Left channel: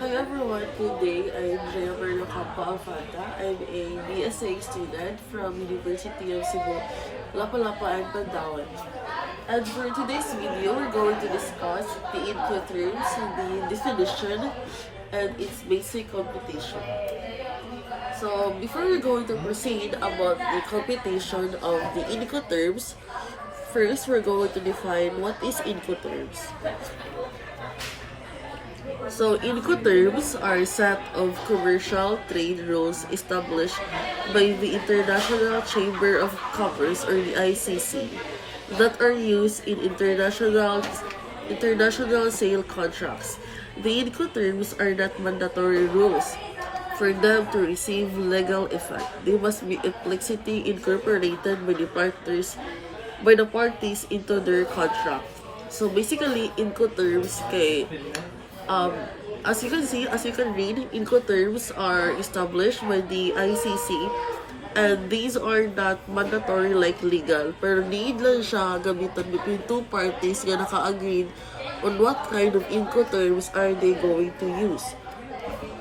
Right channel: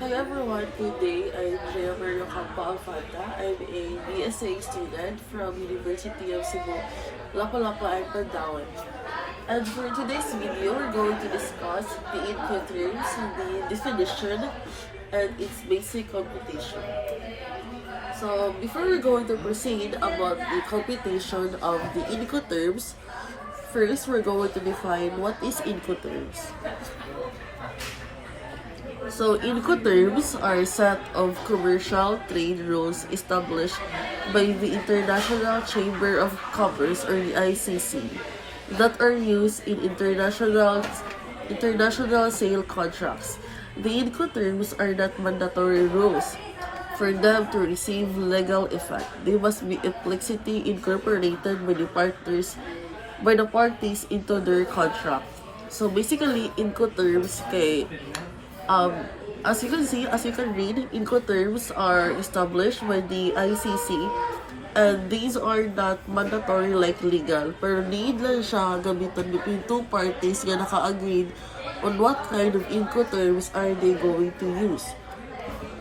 Hi everyone, today I'm Jaya Mario Campa Alfanta. I'm a BSA student from University of Cebu, Lapa-Lapa and Pandawan. And for today's video, we're going to discuss the Incoterms, the definition, and its basic computation. So before we're going to proceed about the computation of the Incoterms, first we're going to define what is Incoterms. So, Incoterms are a set of commercial trade rules established by the International Chamber of Commerce or the ICC that are used in international sale contracts. The Incoterms are not mandatory rules. For them to receive legal effect, they must be implicitly incorporated by the parties into their contract. So basically, Incoterms as you can read, Incoterms are established by the ICC and these are not mandatory like legal. Pero need lang siya gamitan between two parties na naka-agreed on what kind of Incoterms are they going to use.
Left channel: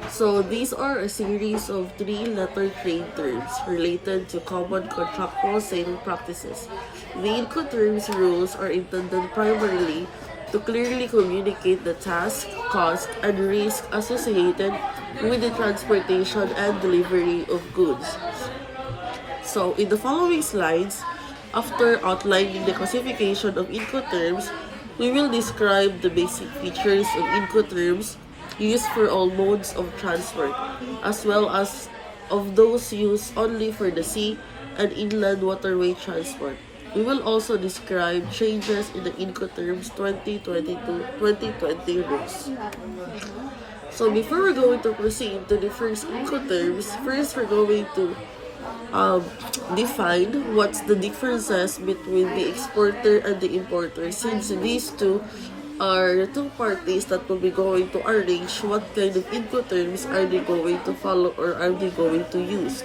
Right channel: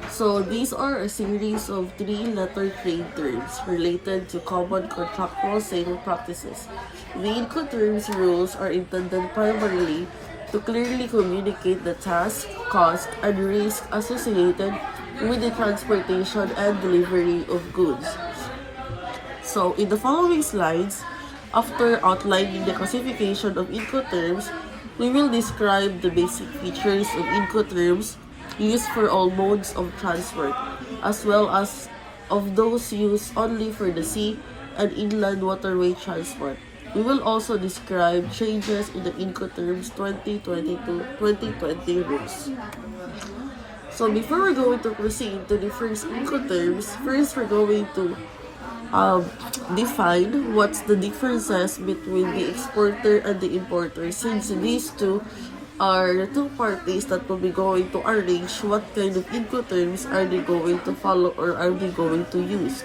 So these are a series of three-letter trade terms related to common contractual sale practices. The Incoterms rules are intended primarily to clearly communicate the task, cost, and risk associated with the transportation and delivery of goods. So, in the following slides, after outlining the classification of Incoterms, we will describe the basic features of Incoterms used for all modes of transport, as well as of those used only for the sea and inland waterway transport. We will also describe changes in the Incoterms 2022-2020 rules. So before we're going to proceed to the first Incoterms, first we're going to define what's the differences between the exporter and the importer, since these two are the two parties that will be going to arrange what kind of Incoterms are they going to follow or are they going to use.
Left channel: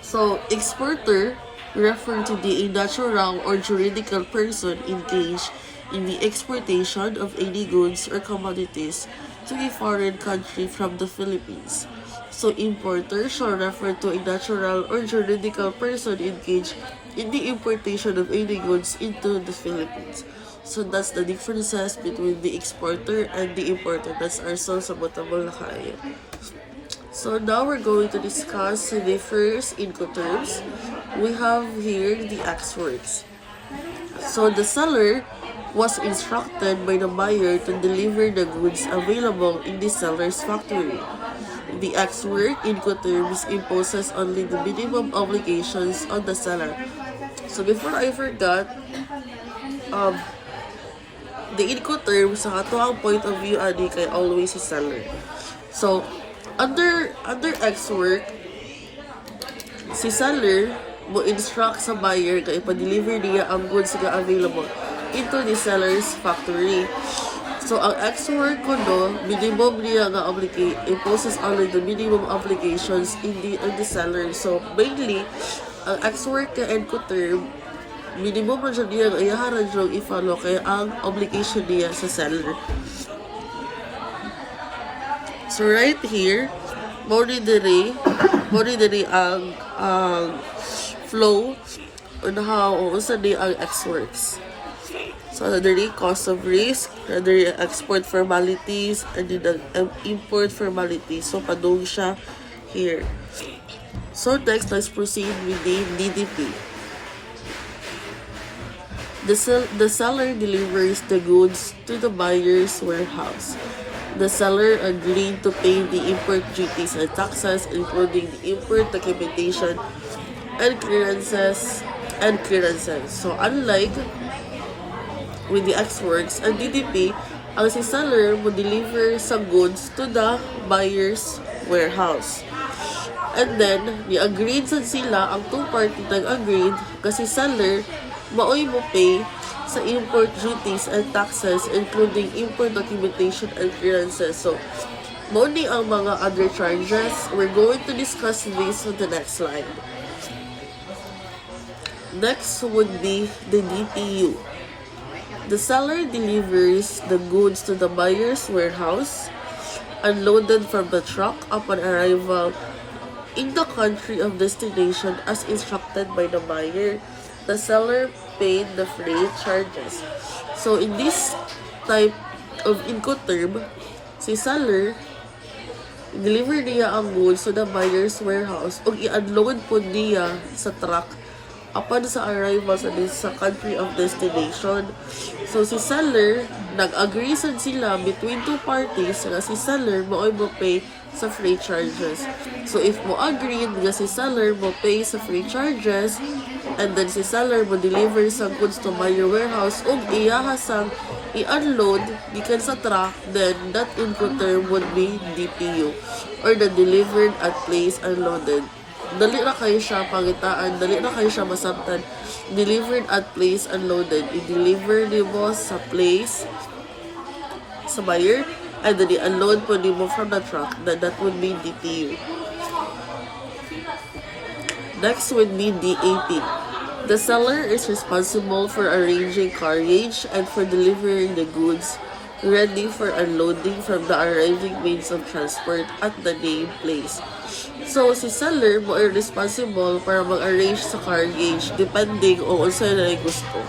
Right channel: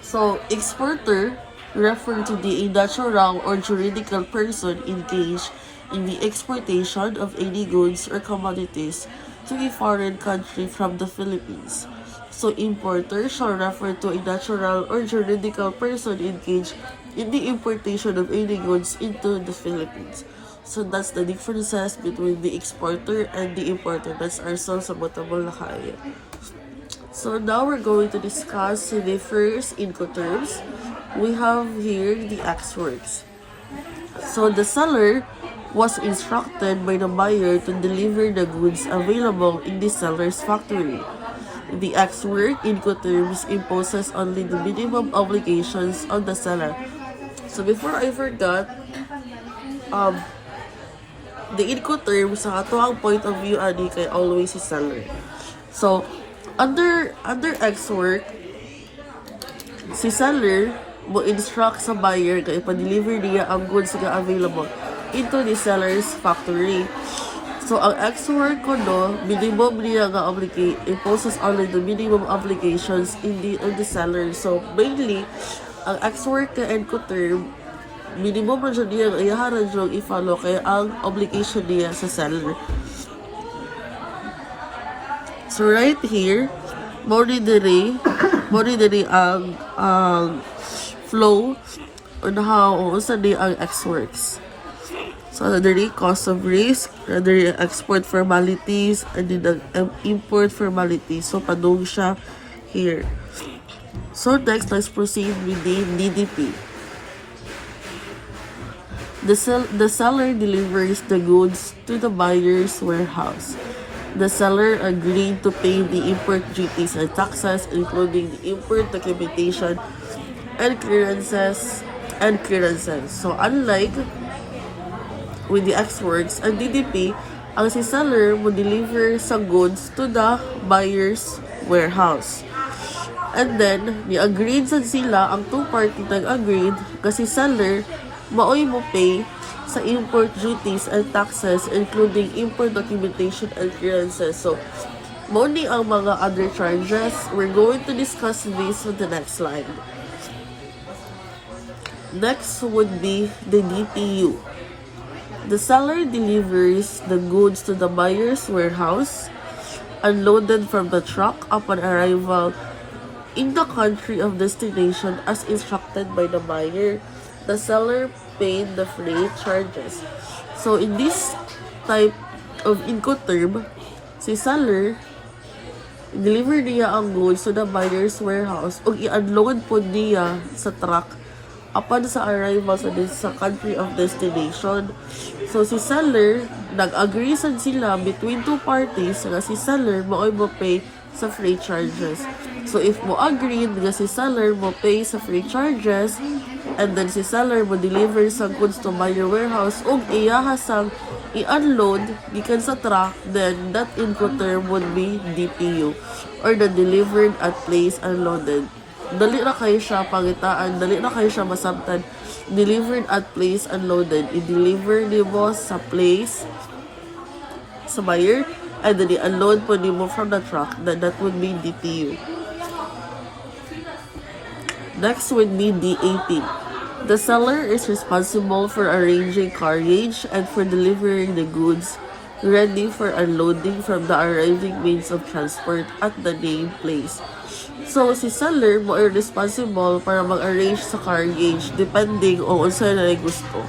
So, exporter refer to the natural or juridical person engaged in the exportation of any goods or commodities to a foreign country from the Philippines. So, importer shall refer to a natural or juridical person engaged in the importation of any goods into the Philippines. So, that's the differences between the exporter and the importer. That's our sabotable lahayan. So now we're going to discuss the first Incoterms. We have here the X works. So the seller was instructed by the buyer to deliver the goods available in the seller's factory. The X work Incoterms imposes only the minimum obligations on the seller. So before I forgot, the Incoterms sa katuang point of view ani kay always a seller. So under X work, si seller mo instruct sa buyer na ipa-deliver niya ang goods na available into the seller's factory. So ang X work ko minimum niya nga imposes only the minimum obligations in the seller. So mainly ang X work na Incoterm, minimum man siya niya nga iyaharan siya i-follow kay ang obligation niya sa seller. So right here, mori diri ang flow on how usa di ang X works. So diri cost of risk, diri export formalities, and then ang import formalities. So padung siya here. So next, let's proceed with the DDP. The seller delivers the goods to the buyer's warehouse. The seller agreed to pay the import duties and taxes, including the import documentation and clearances. So unlike with the X works and DDP, ang si seller mo deliver sa goods to the buyer's warehouse. And then, ni-agreed sa sila, ang two party nag-agreed kasi seller maoy mo pay sa import duties and taxes, including import documentation and clearances. So, muna ang mga other charges. We're going to discuss this on the next slide. Next would be the DPU. The seller delivers the goods to the buyer's warehouse, unloaded from the truck upon arrival in the country of destination as instructed by the buyer. The seller paid the freight charges. So in this type of Incoterm, si seller deliver niya ang goods to the buyer's warehouse ug i-unload po niya sa truck upon sa arrival sa country of destination. So si seller, nag-agree sad sila between two parties nga si seller mao'y mo pay sa freight charges. So if mo agreed nga si seller mo pay sa freight charges, and then si seller mo deliver sa goods to buyer warehouse ug iyaha sang i-unload gikan sa truck, then that Incoterm would be DPU, or the delivered at place unloaded. Dali na kayo siya pangitaan, dali na kayo siya masabtan. Delivered at place unloaded. I-deliver ni mo sa place sa buyer, and then i-unload po ni mo from the truck, then that would be DPU. Next would be DAP. The seller is responsible for arranging carriage and for delivering the goods ready for unloading from the arriving means of transport at the named place. So, si seller mo ay responsible para mag-arrange sa carriage depending o unsay na gusto.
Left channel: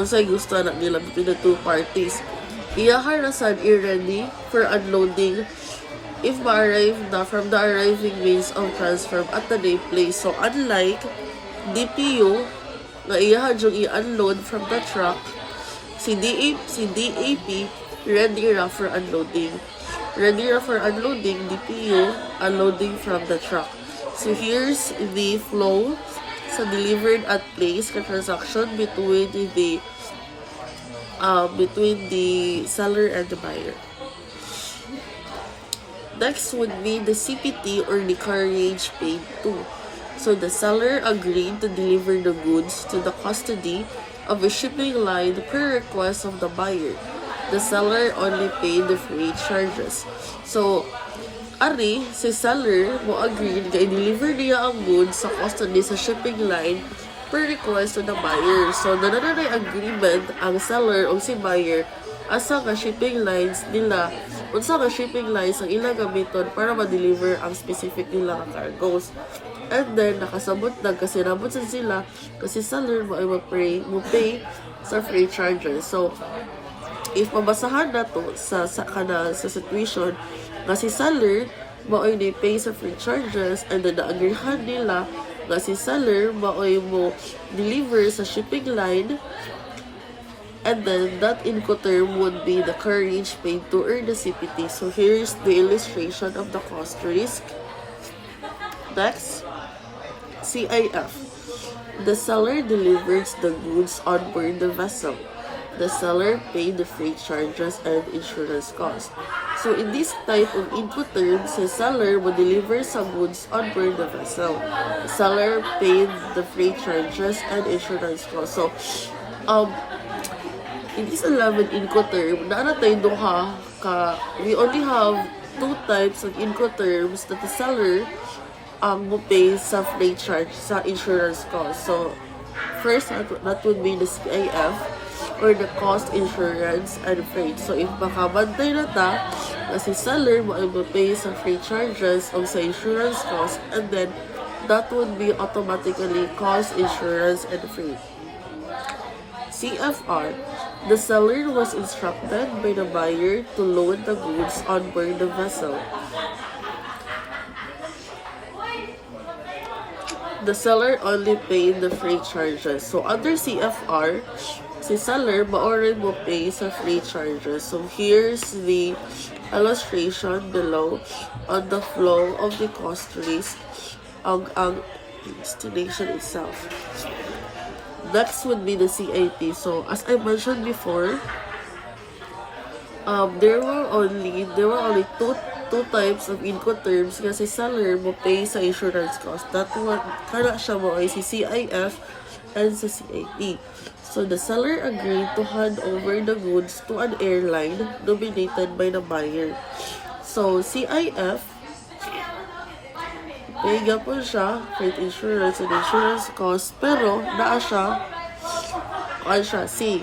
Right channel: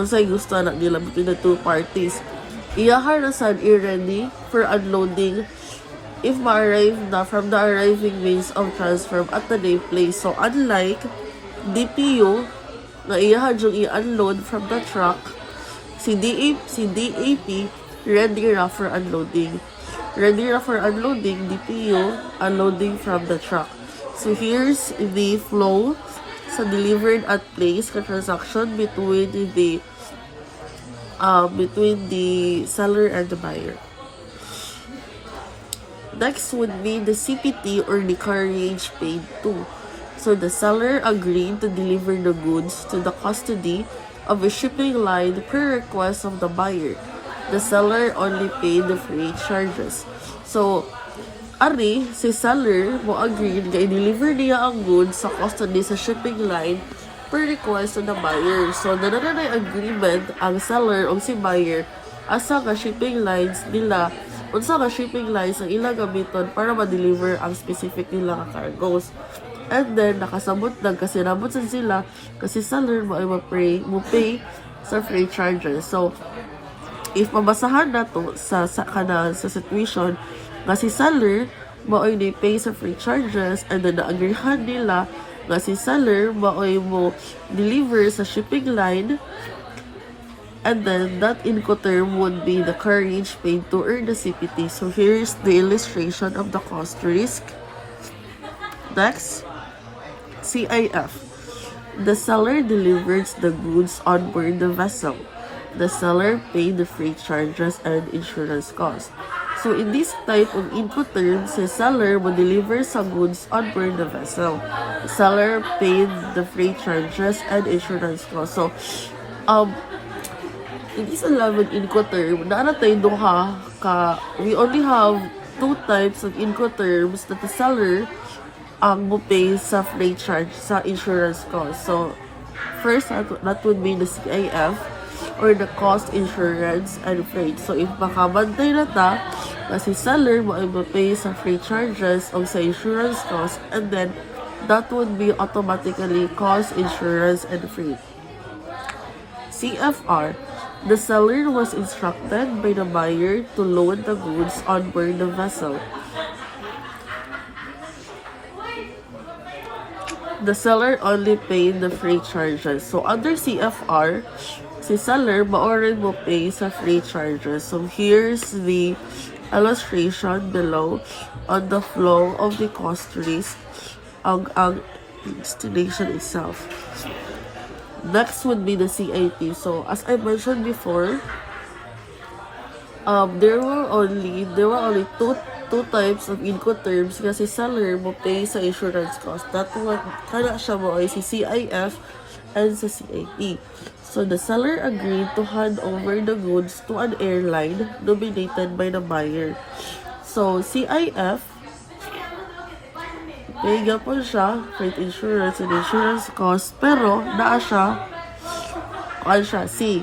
Unsay gusto na nila between the two parties. Iyahar na sad i-ready for unloading if ma-arrive na from the arriving means of transfer at the named place. So, unlike DPU, na iyahar yung i-unload from the truck, si DAP, ready na for unloading. Ready for unloading, DPU, unloading from the truck. So here's the flow. So delivered at place, the transaction between the seller and the buyer. Next would be the CPT, or the carriage paid to. So the seller agreed to deliver the goods to the custody of a shipping line per request of the buyer. The seller only paid the freight charges. So, si seller mo agreed na i-deliver niya ang goods sa custody sa shipping line per request of the buyer. So, nananay agreement ang seller o si buyer asa ka shipping lines nila, unsa ka shipping lines ang ilang gamiton para ma-deliver ang specific nilang cargoes. And then, nagkasinabot sa sila kasi seller mo ay mo pay sa freight charges. So, if mabasahan na to sa situation nga si seller mao'y pay sa free charges, and then naagrihan nila nga si seller mao'y mo deliver sa shipping line, and then that Incoterm would be the carriage paid to earn the CPT. So here's the illustration of the cost risk. Next, CIF. The seller delivers the goods on board the vessel. The seller paid the freight charges and insurance costs. So in this type of Incoterms, the seller will deliver some goods on board the vessel. The seller paid the freight charges and insurance costs. So, in this 11 Incoterm, we only have two types of Incoterms that the seller will pay sa freight charge, sa insurance cost. So, first, that would be the CIF, or the cost, insurance, and freight. So, if makabantay na ta, si seller mo ay pay sa freight charges o sa insurance cost, and then that would be automatically cost, insurance, and freight. CFR. The seller was instructed by the buyer to load the goods on board the vessel. The seller only paid the freight charges. So, under CFR, si seller mao'y mo pay sa freight charges. So, here's the illustration below on the flow of the cost risk ang destination itself. Next would be the CIT. So, as I mentioned before, there were only two types of Incoterms kasi seller mo pay sa insurance cost. That one, kana siya mo ay si CIF and sa CIT. So, the seller agreed to hand over the goods to an airline nominated by the buyer. So, CIF, pay nga po siya, freight insurance and insurance cost, pero naa siya, C.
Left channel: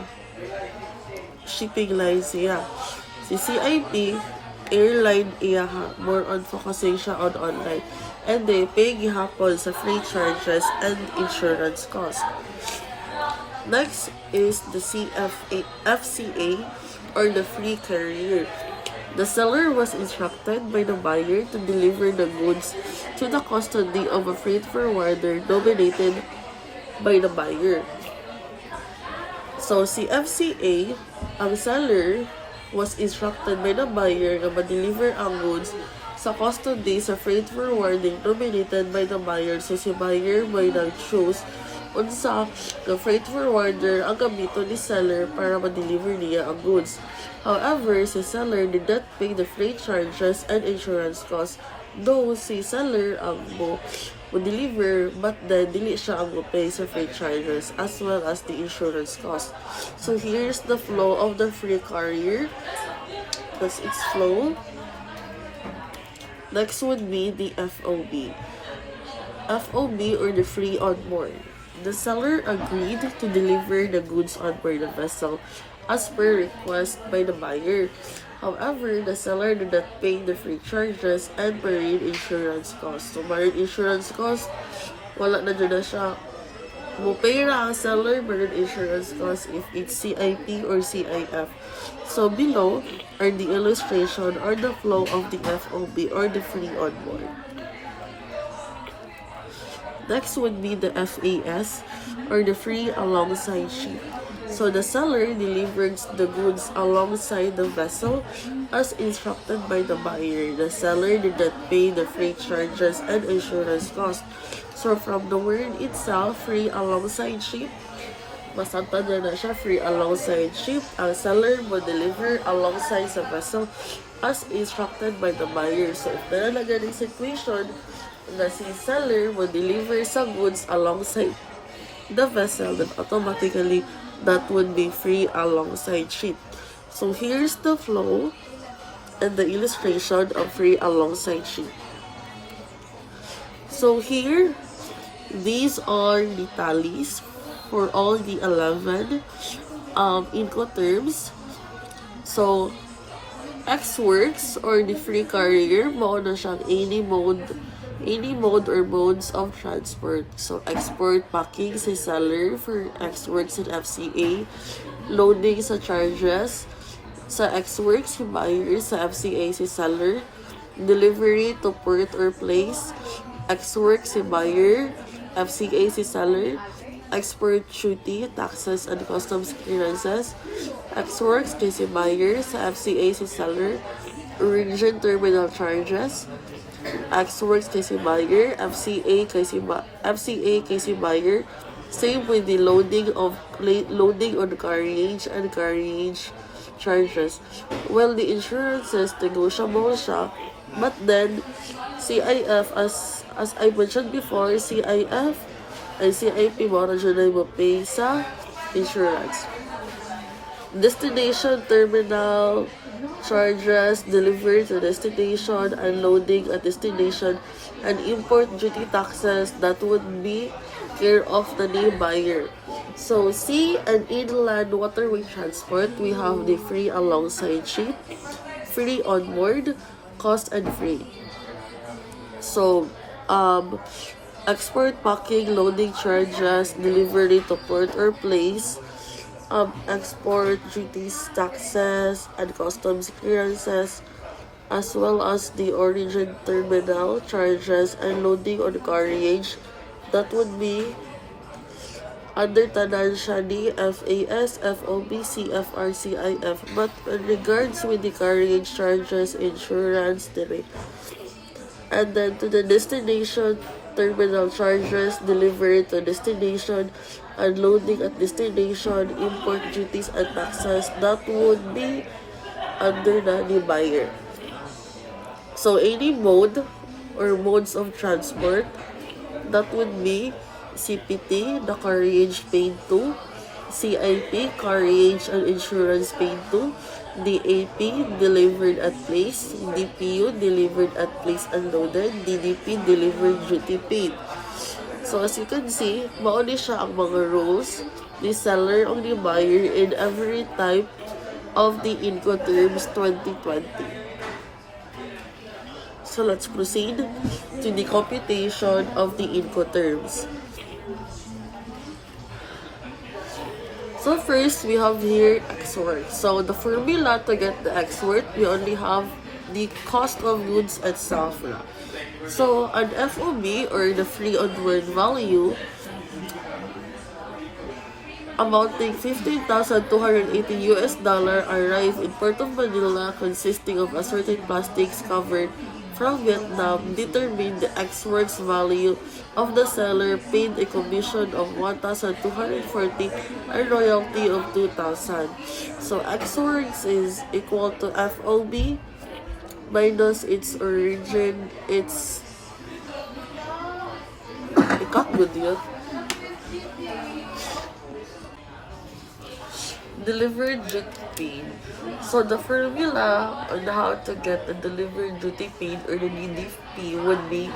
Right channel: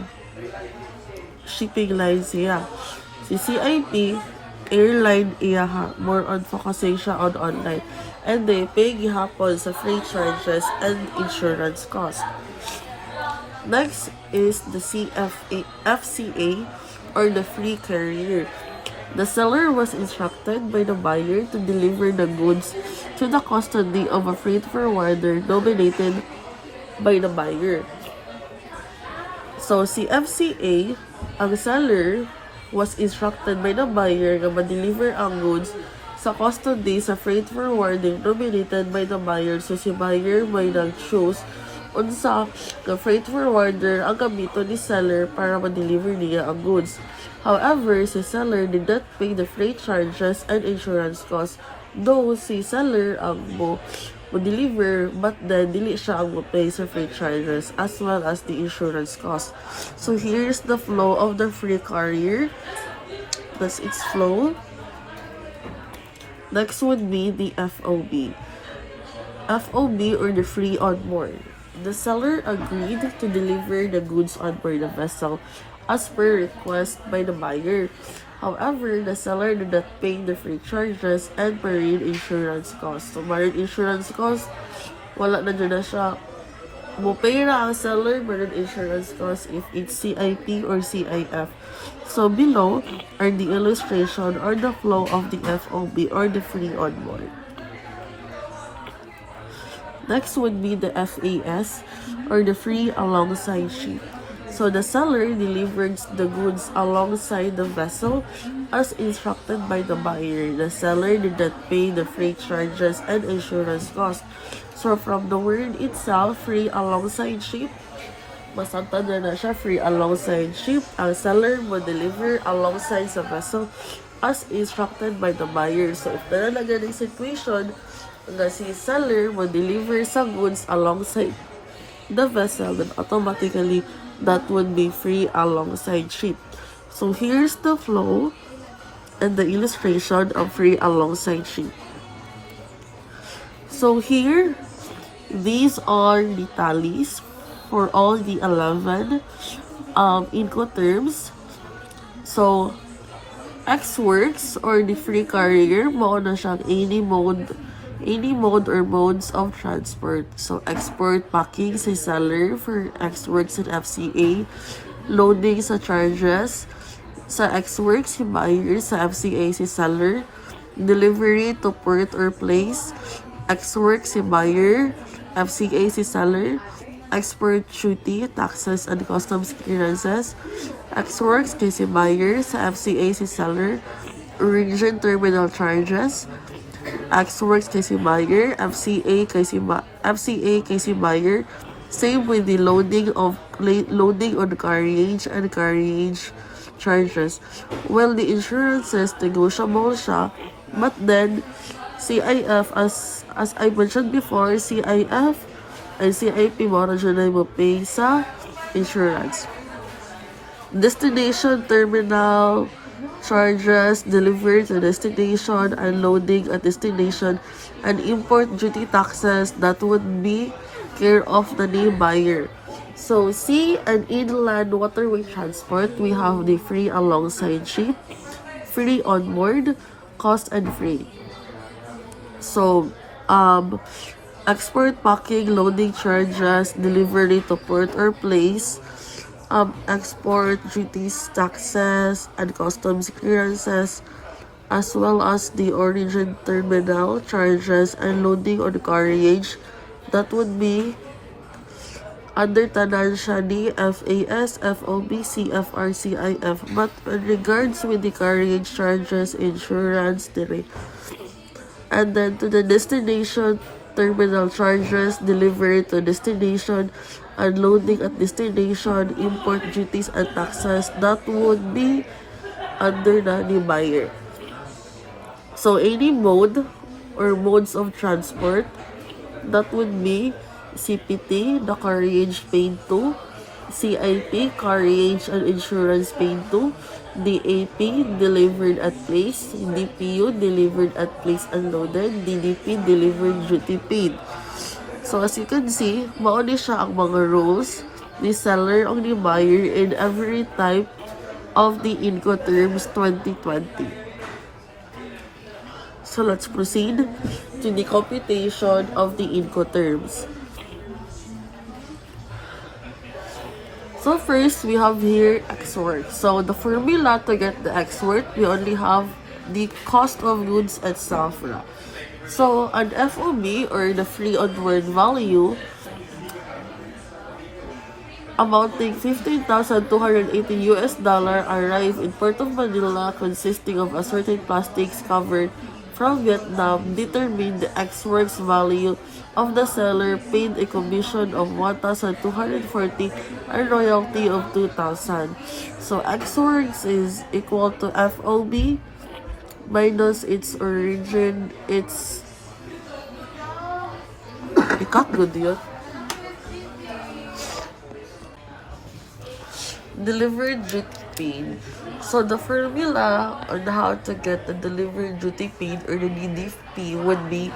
shipping line siya. Si CIP, airline iya ha, more on focusing siya on online. And they pay gihapon sa freight charges and insurance cost. Next is the FCA or the free carrier. The seller was instructed by the buyer to deliver the goods to the custody of a freight forwarder nominated by the buyer. So, si FCA, ang seller was instructed by the buyer na ma-deliver ang goods sa custody sa freight forwarding nominated by the buyer. So, si buyer may nag-choose unsa the freight forwarder ang gamito ni seller para ma-deliver niya ang goods. However, si seller did not pay the freight charges and insurance costs, though si seller ang mo deliver, but then dili siya ang pay sa freight charges as well as the insurance cost. So here's the flow of the free carrier. That's its flow. Next would be the FOB. FOB or the free on board. The seller agreed to deliver the goods on board the vessel as per request by the buyer. However, the seller did not pay the freight charges and marine insurance costs. So, marine insurance cost, wala na dyan na siya. Mo-pay na ang seller marine insurance cost if it's CIP or CIF. So, below are the illustration or the flow of the FOB or the free on board. Next would be the FAS or the free alongside ship. So the seller delivered the goods alongside the vessel as instructed by the buyer. The seller did not pay the freight charges and insurance costs. So from the word itself, free alongside ship, masanta na siya, free alongside ship. Ang seller will deliver alongside sa vessel as instructed by the buyer. So if nalalaga ng situation na si seller will deliver sa goods alongside the vessel, then automatically that would be free alongside ship. So here's the flow and the illustration of free alongside ship. So here, these are the tallies for all the 11 Incoterms. So X works or the free carrier, mao na siyang any mode or modes of transport. So, export packing si seller for X-Works and FCA. Loading sa charges sa X-Works si buyer, sa FCA si seller. Delivery to port or place. X-Works si buyer, FCA si seller. Export duty, taxes and customs clearances. X-Works kay si buyer, sa FCA si seller. Origin terminal charges. X-Works kay si buyer, FCA kay si buyer. Same with the loading on carriage and carriage charges. Well, the insurance is negotiable siya, but then CIF, as I mentioned before, CIF and CIP mo na siya na pay sa insurance. Destination terminal charges, delivery to destination, unloading at destination, and import duty taxes that would be care of the new buyer. So, sea and inland waterway transport, we have the free alongside ship, free on board, cost and free. So, export packing, loading charges, delivery to port or place, export duties, taxes, and customs clearances, as well as the origin terminal charges and loading on carriage. That would be under tanan siya ni FAS, FOB, CFR, CIF. But in regards with the carriage charges, insurance, and then to the destination terminal charges, delivery to destination, unloading at destination, import duties and taxes, that would be under the new buyer. So any mode or modes of transport, that would be CPT, the carriage paid to, CIP, carriage and insurance paid to, DAP, delivered at place, DPU, delivered at place unloaded, DDP, delivered duty paid. So as you can see, mauni siya ang mga rules ni seller o ni buyer in every type of the Incoterms 2020. So let's proceed to the computation of the Incoterms. So first, we have here X worth. So the formula to get the X worth, we only have the cost of goods itself. So an FOB, or the free on board value, amounting $15,280 arrived in Port of Manila, consisting of assorted plastics covered from Vietnam, determined the X-Works value of the seller, paid a commission of $1,240 and royalty of $2,000. So X-Works is equal to FOB minus its origin, its ikat good yun. Delivered duty paid. So the formula on how to get the delivered duty paid, or the DDP, would be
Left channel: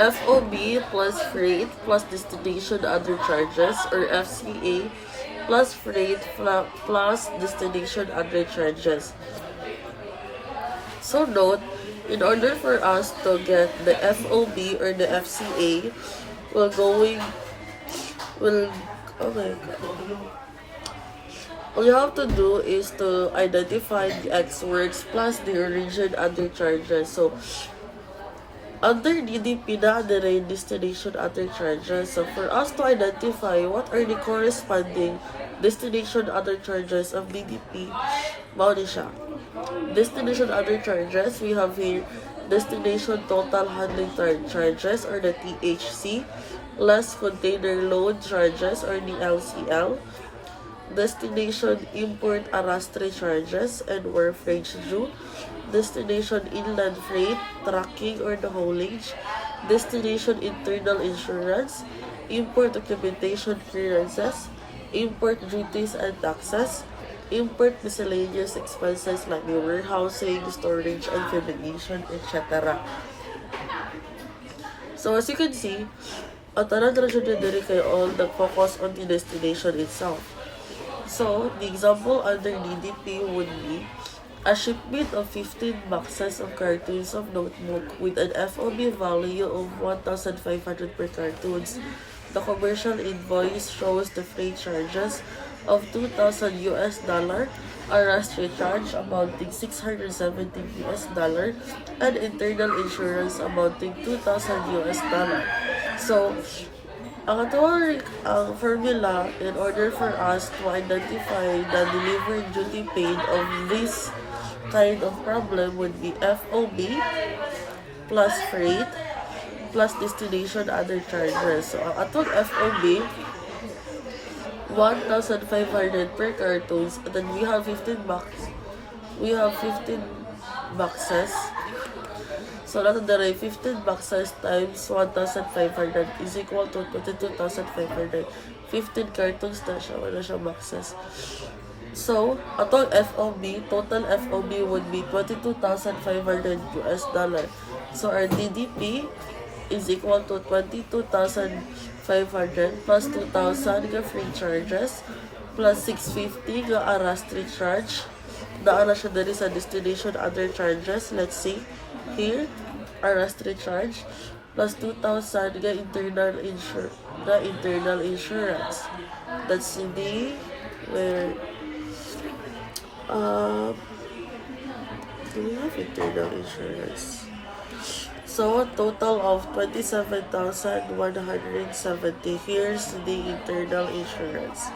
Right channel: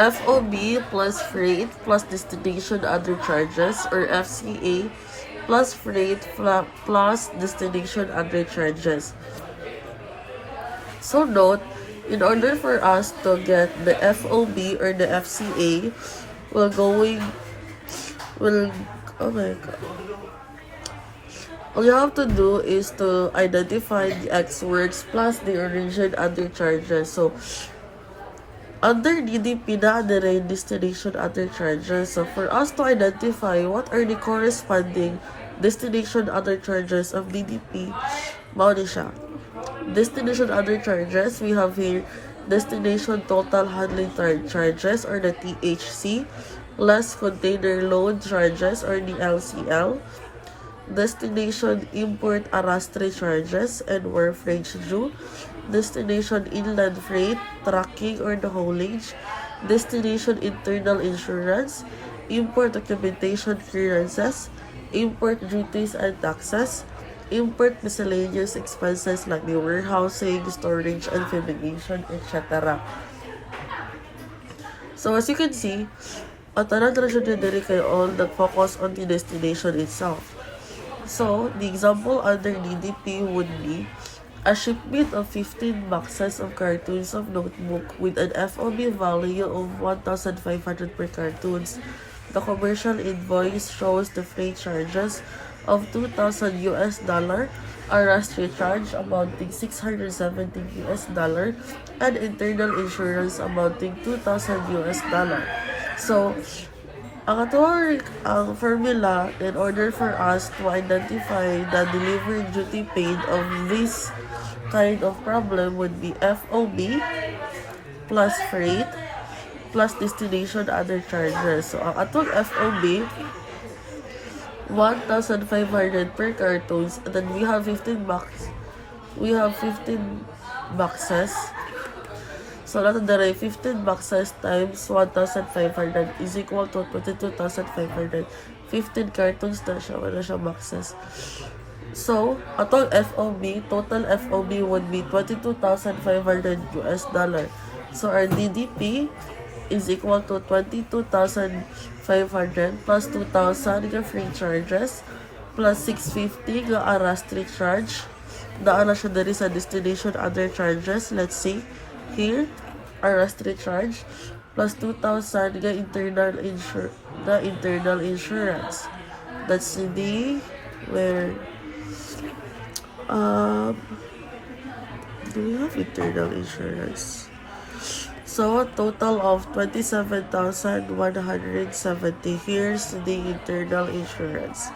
FOB plus freight plus destination other charges, or FCA plus freight plus destination other charges. So note, in order for us to get the FOB or the FCA, all you have to do is to identify the X words plus the origin other charges. So under DDP na rin destination other charges. So for us to identify what are the corresponding destination other charges of DDP, mali siya. Destination other charges, we have here destination total handling charges, or the THC, less container load charges, or the LCL, destination import arrastre charges and wharf freight due, destination inland freight, tracking or the haulage, destination internal insurance, import documentation clearances, import duties and taxes, import miscellaneous expenses like the warehousing, storage, and fumigation, etc. So as you can see, tanan na siya din kayo all the focus on the destination itself. So, the example under DDP would be a shipment of 15 boxes of cartoons of notebook with an FOB value of 1,500 per cartoons. The commercial invoice shows the freight charges of $2,000, a rastri charge amounting $670, and internal insurance amounting $2,000. So, ang formula, in order for us to identify the delivered duty paid of this kind of problem, would be FOB plus freight plus destination other charges. So ang atong FOB, 1,500 per cartons, and then we have 15 boxes. So natin daray 15 boxes times 1,500 is equal to 22,500. 15 cartons na siya, wala siya boxes. So, atong FOB, total FOB would be $22,500. So our DDP is equal to 22,500 plus 2,000 nga free charges plus 650 nga arrastre charge. Daan na siya dari sa destination other charges. Let's see here, arrastre charge plus 2,000 nga internal insurance. That's the internal insurance. So a total of 27,170. Here's the internal insurance.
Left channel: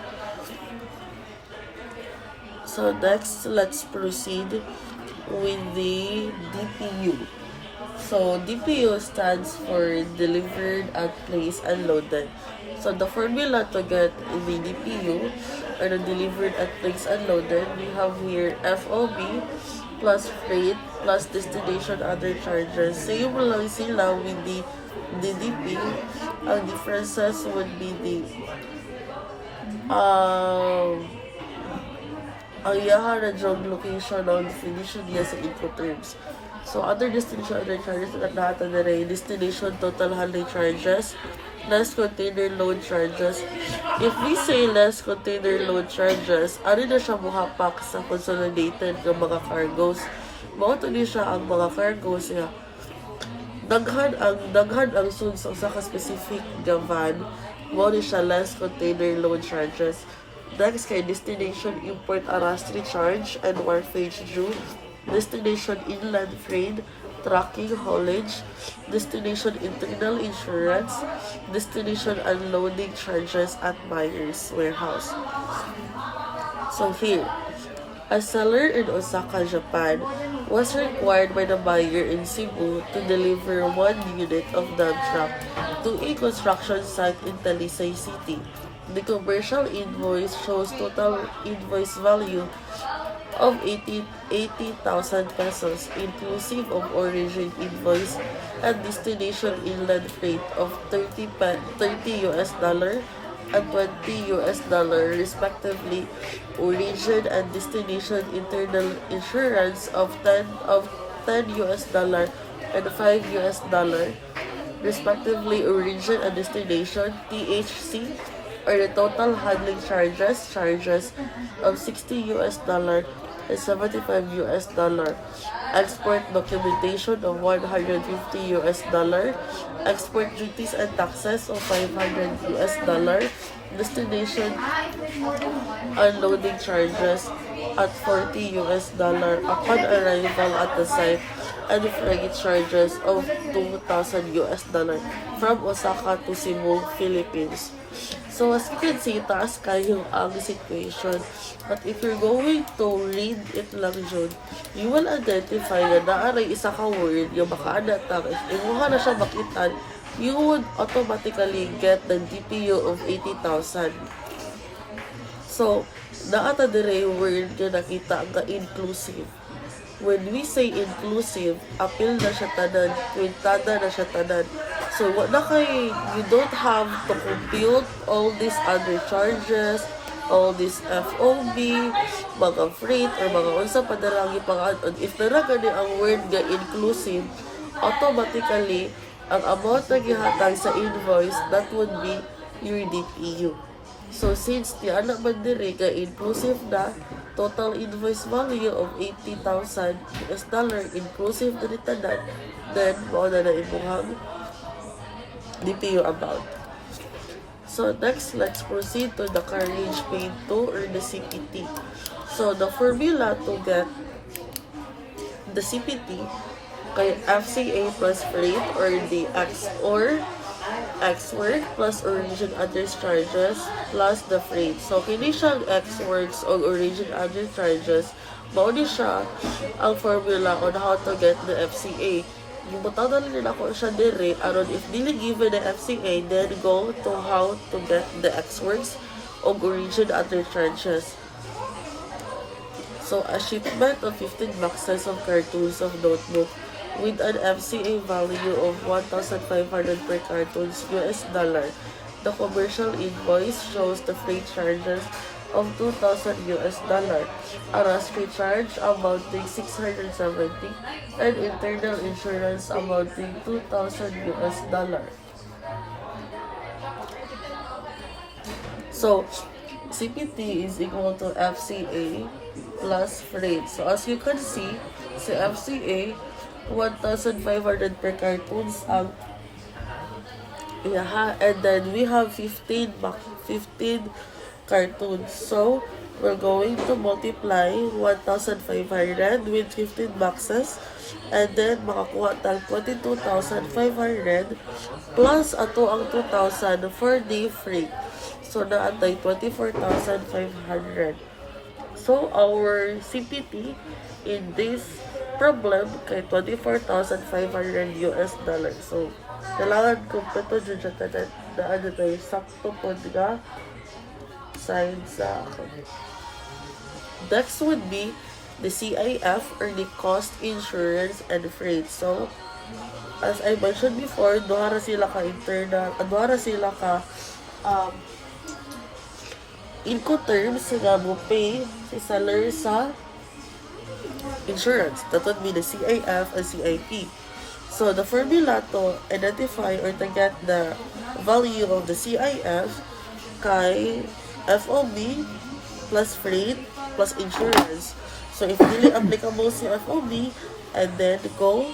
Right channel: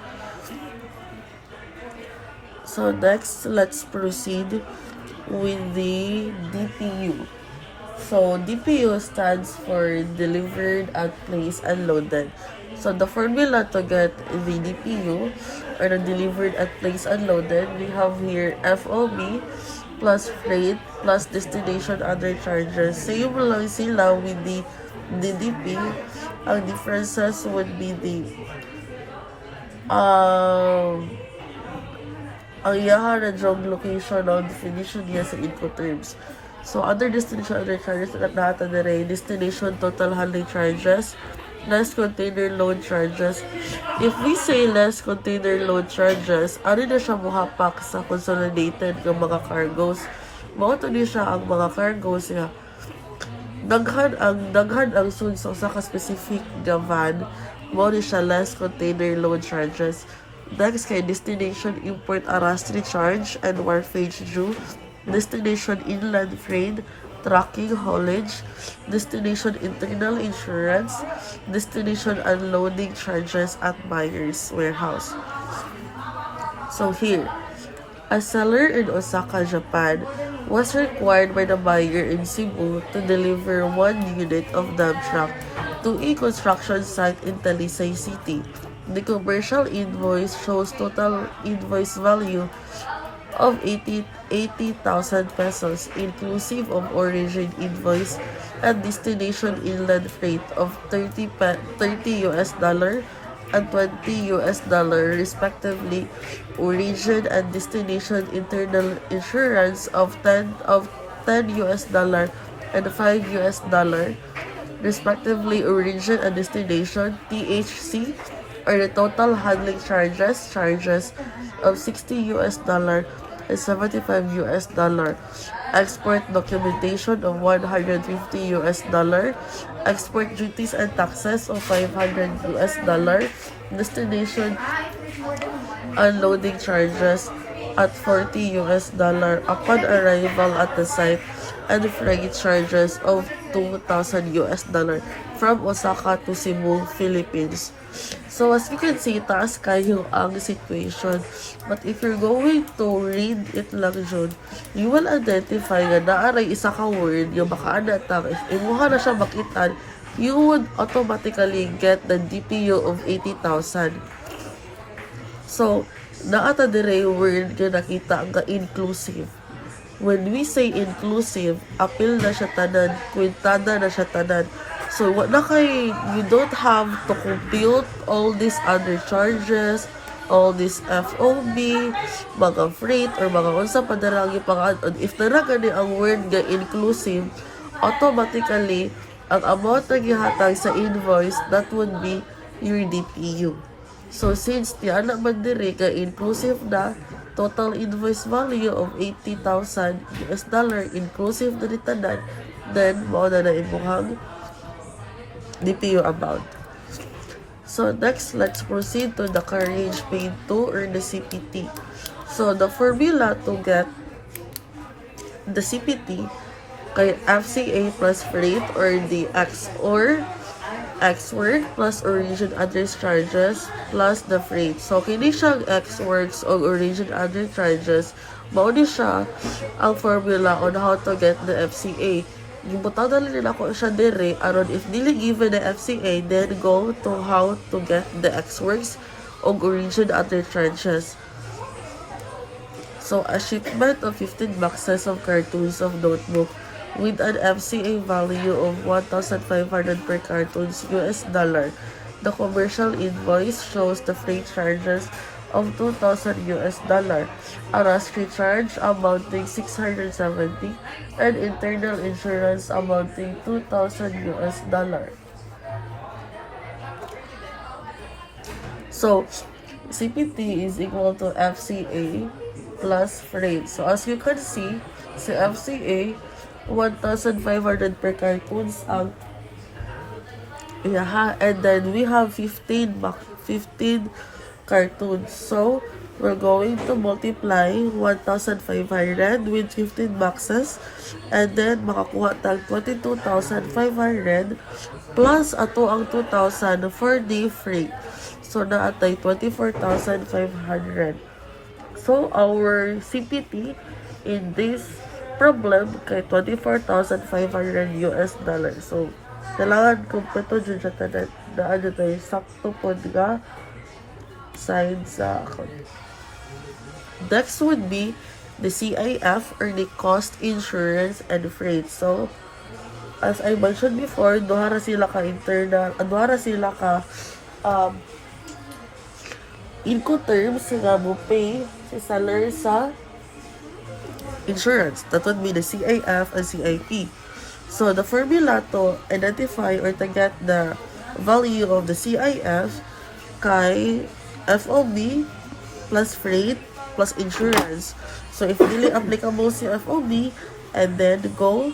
So next, let's proceed with the DPU. So DPU stands for delivered at place unloaded. So the formula to get the DPU, or the delivered at place unloaded, we have here FOB plus freight plus destination other charges. Same lang sila with the DDP. Ang differences would be the ang iyahan na job location ng definition niya sa Incoterms. So, other destination other charges na natin na rin, destination total handling charges, less container load charges. If we say less container load charges, ano na siya muhapak sa consolidated ng mga cargoes? Mga to siya ang mga cargoes niya. Daghan ang sunsong sa ka-specific na van, mo siya less container load charges. Next kay destination import arrestry charge and wharfage due, destination inland freight, trucking haulage, destination internal insurance, destination unloading charges at buyer's warehouse. So here, a seller in Osaka, Japan was required by the buyer in Cebu to deliver 1 unit of dump truck to a construction site in Talisay City. The commercial invoice shows total invoice value of 80,000 pesos inclusive of origin invoice and destination inland freight of $30 and $20 respectively, origin and destination internal insurance of $10 and $5 respectively, origin and destination THC are the total handling charges of $60 and $75, export documentation of $150, export duties and taxes of $500, destination unloading charges at $40 upon arrival at the site, and freight charges of $2,000 from Osaka to Cebu, Philippines. So as you can see, taas kayo ang situation. But if you're going to read it lang dyan, you will identify na naaray isa ka word yung baka anatang. If imuha na siya makitan, you would automatically get the DPU of 80,000. So, naata dire word yung nakita ang inclusive. When we say inclusive, appeal na siya tanan, kwintada na siya tanan. So, you don't have to compute all these other charges, all these FOB, mga freight, or mga unsa pa na lang ipang-add-on. If nara ka ang word nga inclusive, automatically, ang amount na gihatag sa invoice, that would be your DPU. So, since di anak man dire ka inclusive na, total invoice value of $80,000 inclusive na ritanan, then mauna na imuhang DPU amount. So, next, let's proceed to the carriage paid to or the CPT. So, the formula to get the CPT kay FCA plus freight or the X work plus origin address charges plus the freight. So, kini siyang X works o origin address charges, mauni siya ang formula on how to get the FCA. Yung total nila ko siya dire, aron if dili given the FCA, then go to how to get the X works o origin address charges. So, a shipment of 15 boxes of cartoons of notebook with an FCA value of $1,500 per cartons $. The commercial invoice shows the freight charges of $2,000 a rostry charge amounting $670, and internal insurance amounting $2,000. So, CPT is equal to FCA plus freight. So, as you can see, sa FCA, 1,500 per cartons ang and then we have 15 cartoons. So, we're going to multiply 1,500 with 15 boxes and then makakuha tag 22,500 plus ato ang 2,000 for the freight. So, naatay 24,500. So, our CPT in this problem kay $24,500. So, kailangan kumpleto dyan siya tanan na ano tayo, sakto po nga sign sa ako. Next would be the CIF or the cost, insurance, and freight. So, as I mentioned before, duhara sila ka internal, duhara sila ka Incoterms nga mo pay si seller sa insurance. That would be the CIF and CIP. So the formula to identify or to get the value of the CIF kay FOB plus freight plus insurance. So if really applicable si FOB, and then go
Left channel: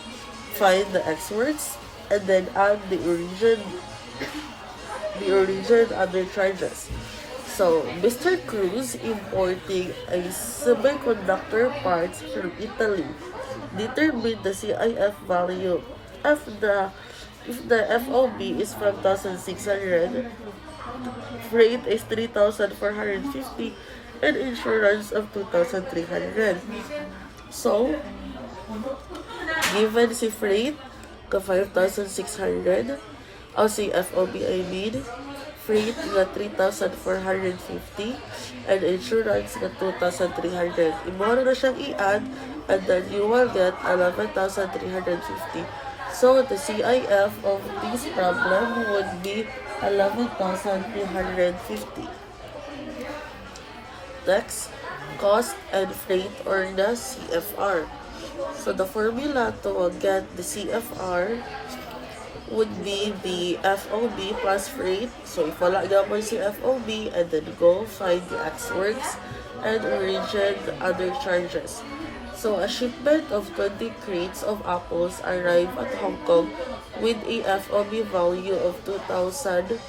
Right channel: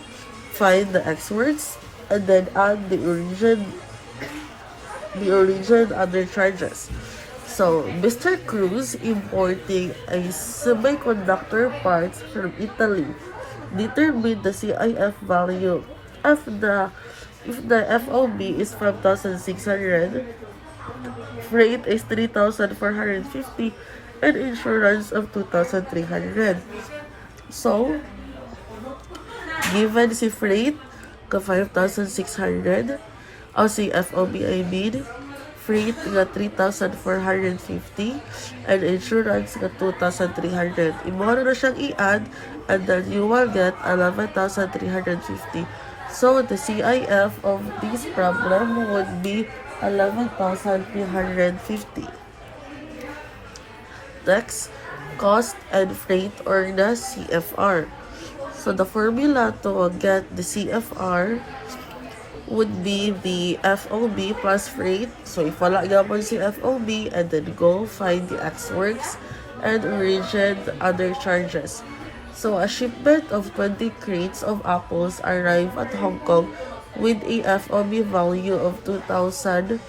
find the X words and then add the origin other charges. So, Mr. Cruz importing a semiconductor parts from Italy. Determine the CIF value of if the FOB is 5,600, freight is 3,450, and insurance of 2,300. So, given si freight ka 5,600, o si FOB I mean, freight na 3,450 and insurance na 2,300. Imo na siyang i-add and then you will get 11,350. So the CIF of this problem would be 11,350. Next, cost and freight or the CFR. So the formula to get the CFR would be the FOB plus freight. So if wala naman si FOB, and then go find the X works and origin other charges. So a shipment of 20 crates of apples arrived at Hong Kong with a FOB value of $2,000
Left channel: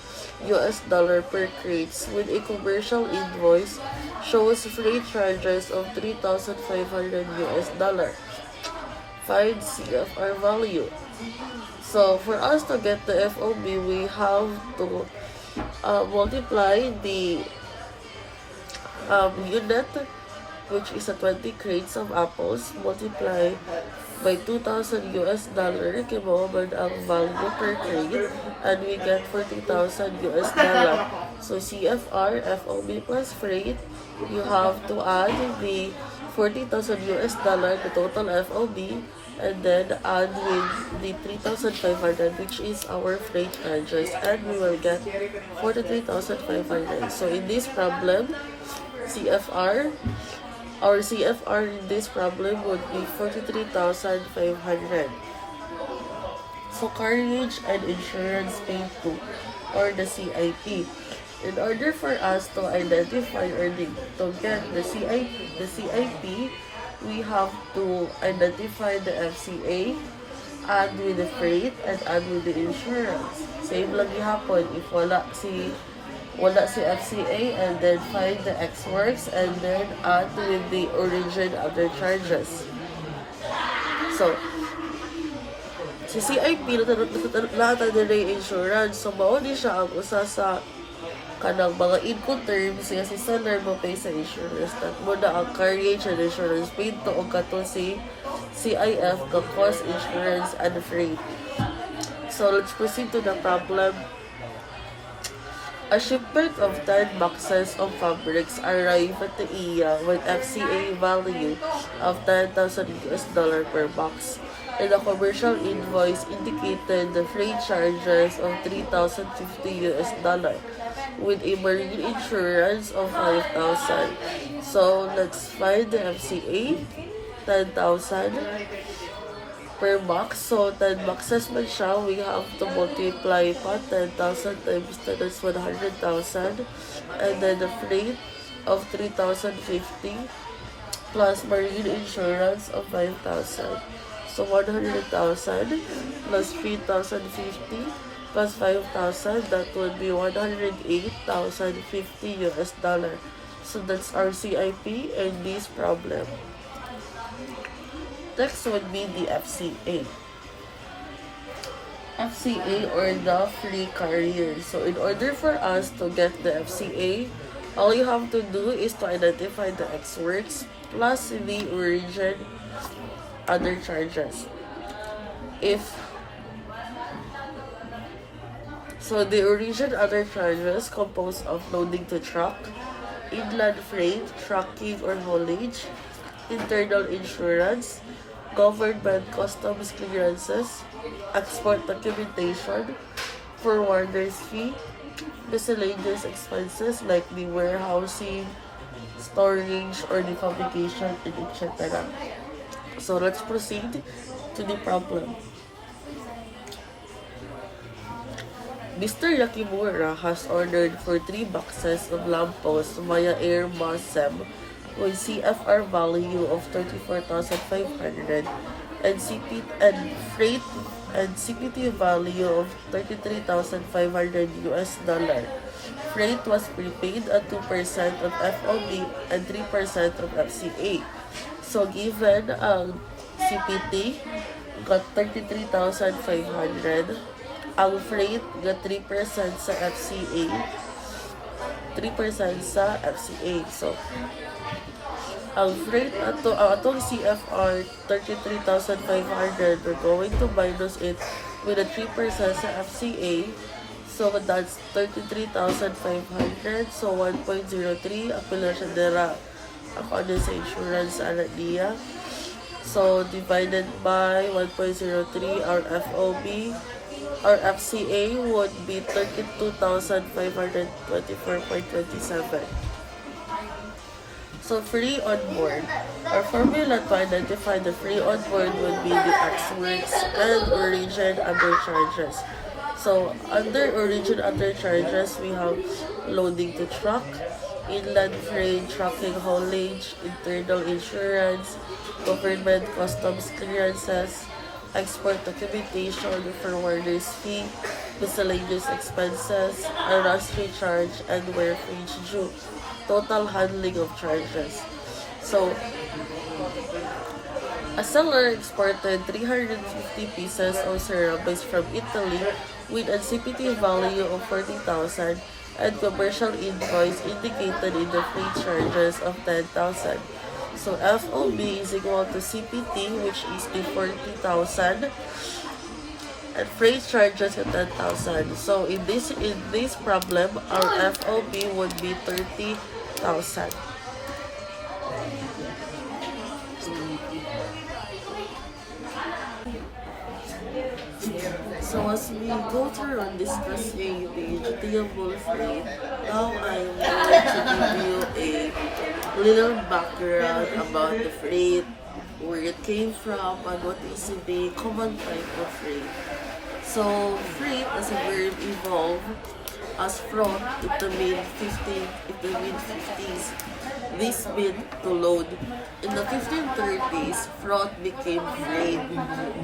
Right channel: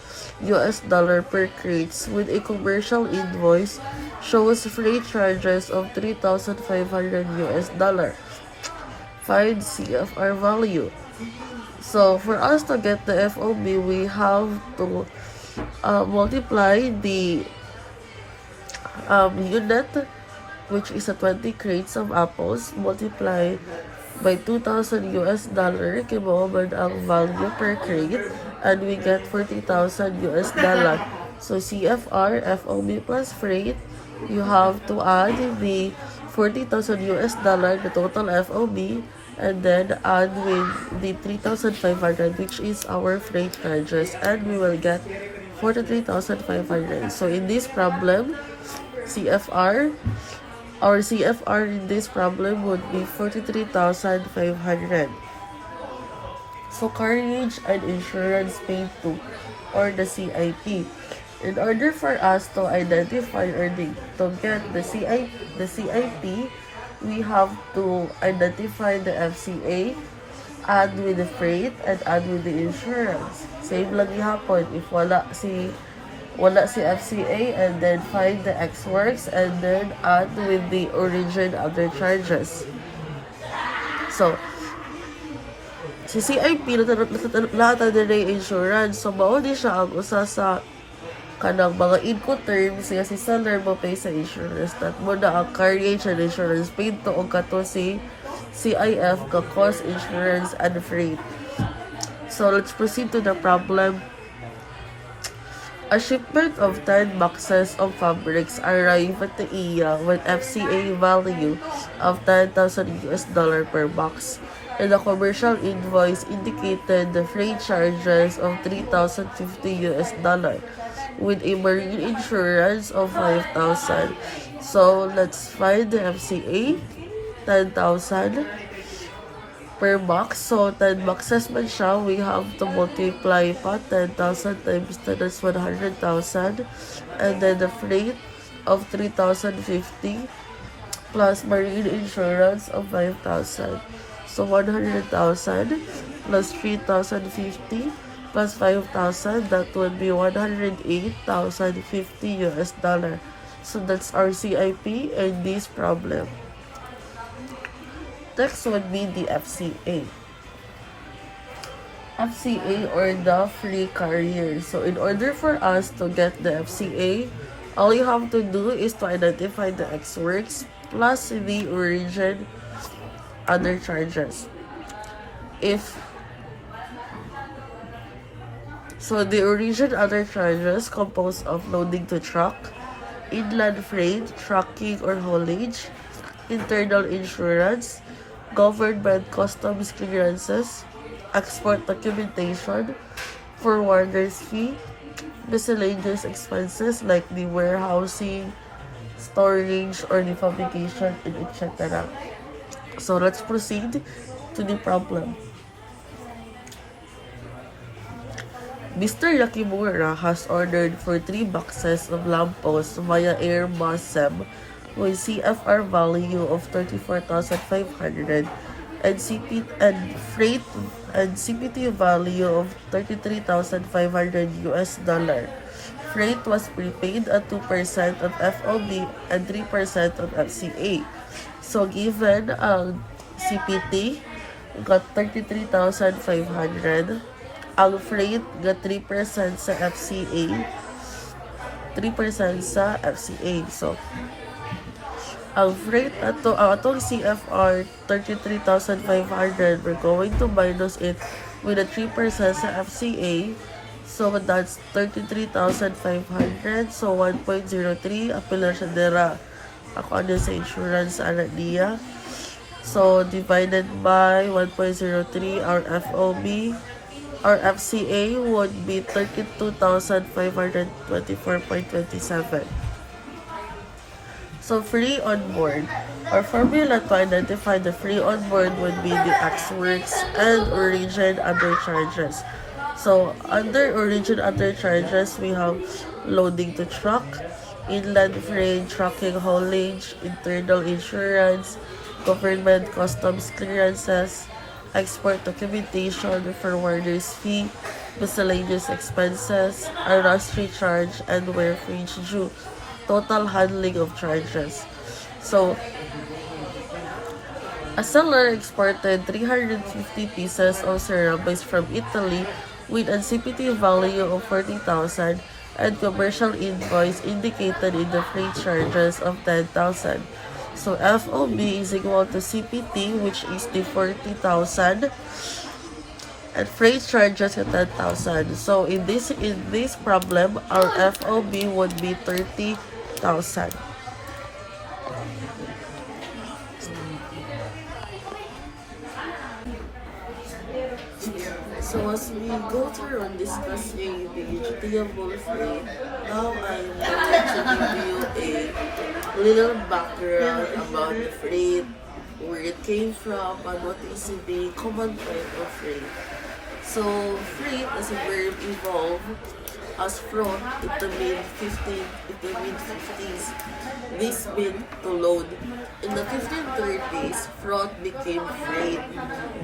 per crates with a commercial invoice shows freight charges of $3,500. Find CFR value. So for us to get the FOB, we have to multiply the unit, which is a 20 crates of apples, multiply by $2,000 kay man ang value per crate, and we get $40,000. So CFR, FOB plus freight, you have to add the $40,000 the total FOB, and then add with the 3,500, which is our freight charges, and we will get 43,500. So in this problem, our CFR in this problem would be 43,500. So carriage and insurance paid to, or the CIP. In order for us to identify or to get the CIP, we have to identify the FCA, add with the freight, and add with the insurance. Same lang hapon if wala si FCA, and then find the X works and then add with the origin other charges. So si CIP lahat na yung insurance. So mao di siya ang usa sa kanang mga Incoterms nga si seller mo pay sa insurance. That mo na ang carriage and insurance paid to o kato si CIF ka cost, insurance, and freight. So let's proceed to the problem. A shipment of 10 boxes of fabrics arrived at the IA with FCA value of $10,000 per box, and the commercial invoice indicated the freight charges of $3,050 with a marine insurance of $5,000. So let's find the FCA, 10,000 per box. So 10 boxes man siya, we have to multiply pa 10,000 times 10, that's 100,000, and then the freight of 3,050 plus marine insurance of 5,000. So 100,000 plus 3,050 plus 5,000, that would be $108,050. So that's our CIP and this problem. Next would be the FCA. FCA or the free carrier. So in order for us to get the FCA, all you have to do is to identify the X works plus the origin other charges. So the origin other charges composed of loading to truck, inland freight, trucking or haulage, internal insurance, government customs clearances, export documentation, forwarder's fee, miscellaneous expenses like the warehousing, storage, or the publication, and etc. So let's proceed to the problem. Mr. Yakimura has ordered for 3 boxes of lampposts via Airbus SEM with CFR value of 34,500 and freight and CPT value of 33,500 US dollar. Freight was prepaid at 2% of FOB and 3% of FCA. So given ang CPT got 33,500, ang freight got 3% sa FCA, 3% sa FCA. So ang freight atong CFR 33,500, we're going to minus it with a 3% sa FCA. So that's 33,500. So 1.03 apila siya dira ako na sa insurance anak niya. So divided by 1.03, our FOB, our FCA would be 32,524.27. So free on board. Our formula to identify the free on board would be the ex-works and origin under charges. So under origin under charges, we have loading to truck, inland freight, trucking haulage, internal insurance, government customs clearances, export documentation, forwarder's fee, miscellaneous expenses, arrest-free charge, and wear-free due. Total handling of charges. So, a seller exported 350 pieces of ceramics from Italy with a CPT value of 40,000 and commercial invoice indicated in the freight charges of 10,000. So FOB is equal to CPT, which is the 40,000, and freight charges at 10,000. So in this problem, our FOB would be 30,000. So as we go through on discussing the GTable freight, now I'm going to give you a little background about the freight, where it came from, and what is the common type of freight. So freight as a verb evolved as fraught in the mid-50s. This meant to load. In the 1530s, fraught became freight,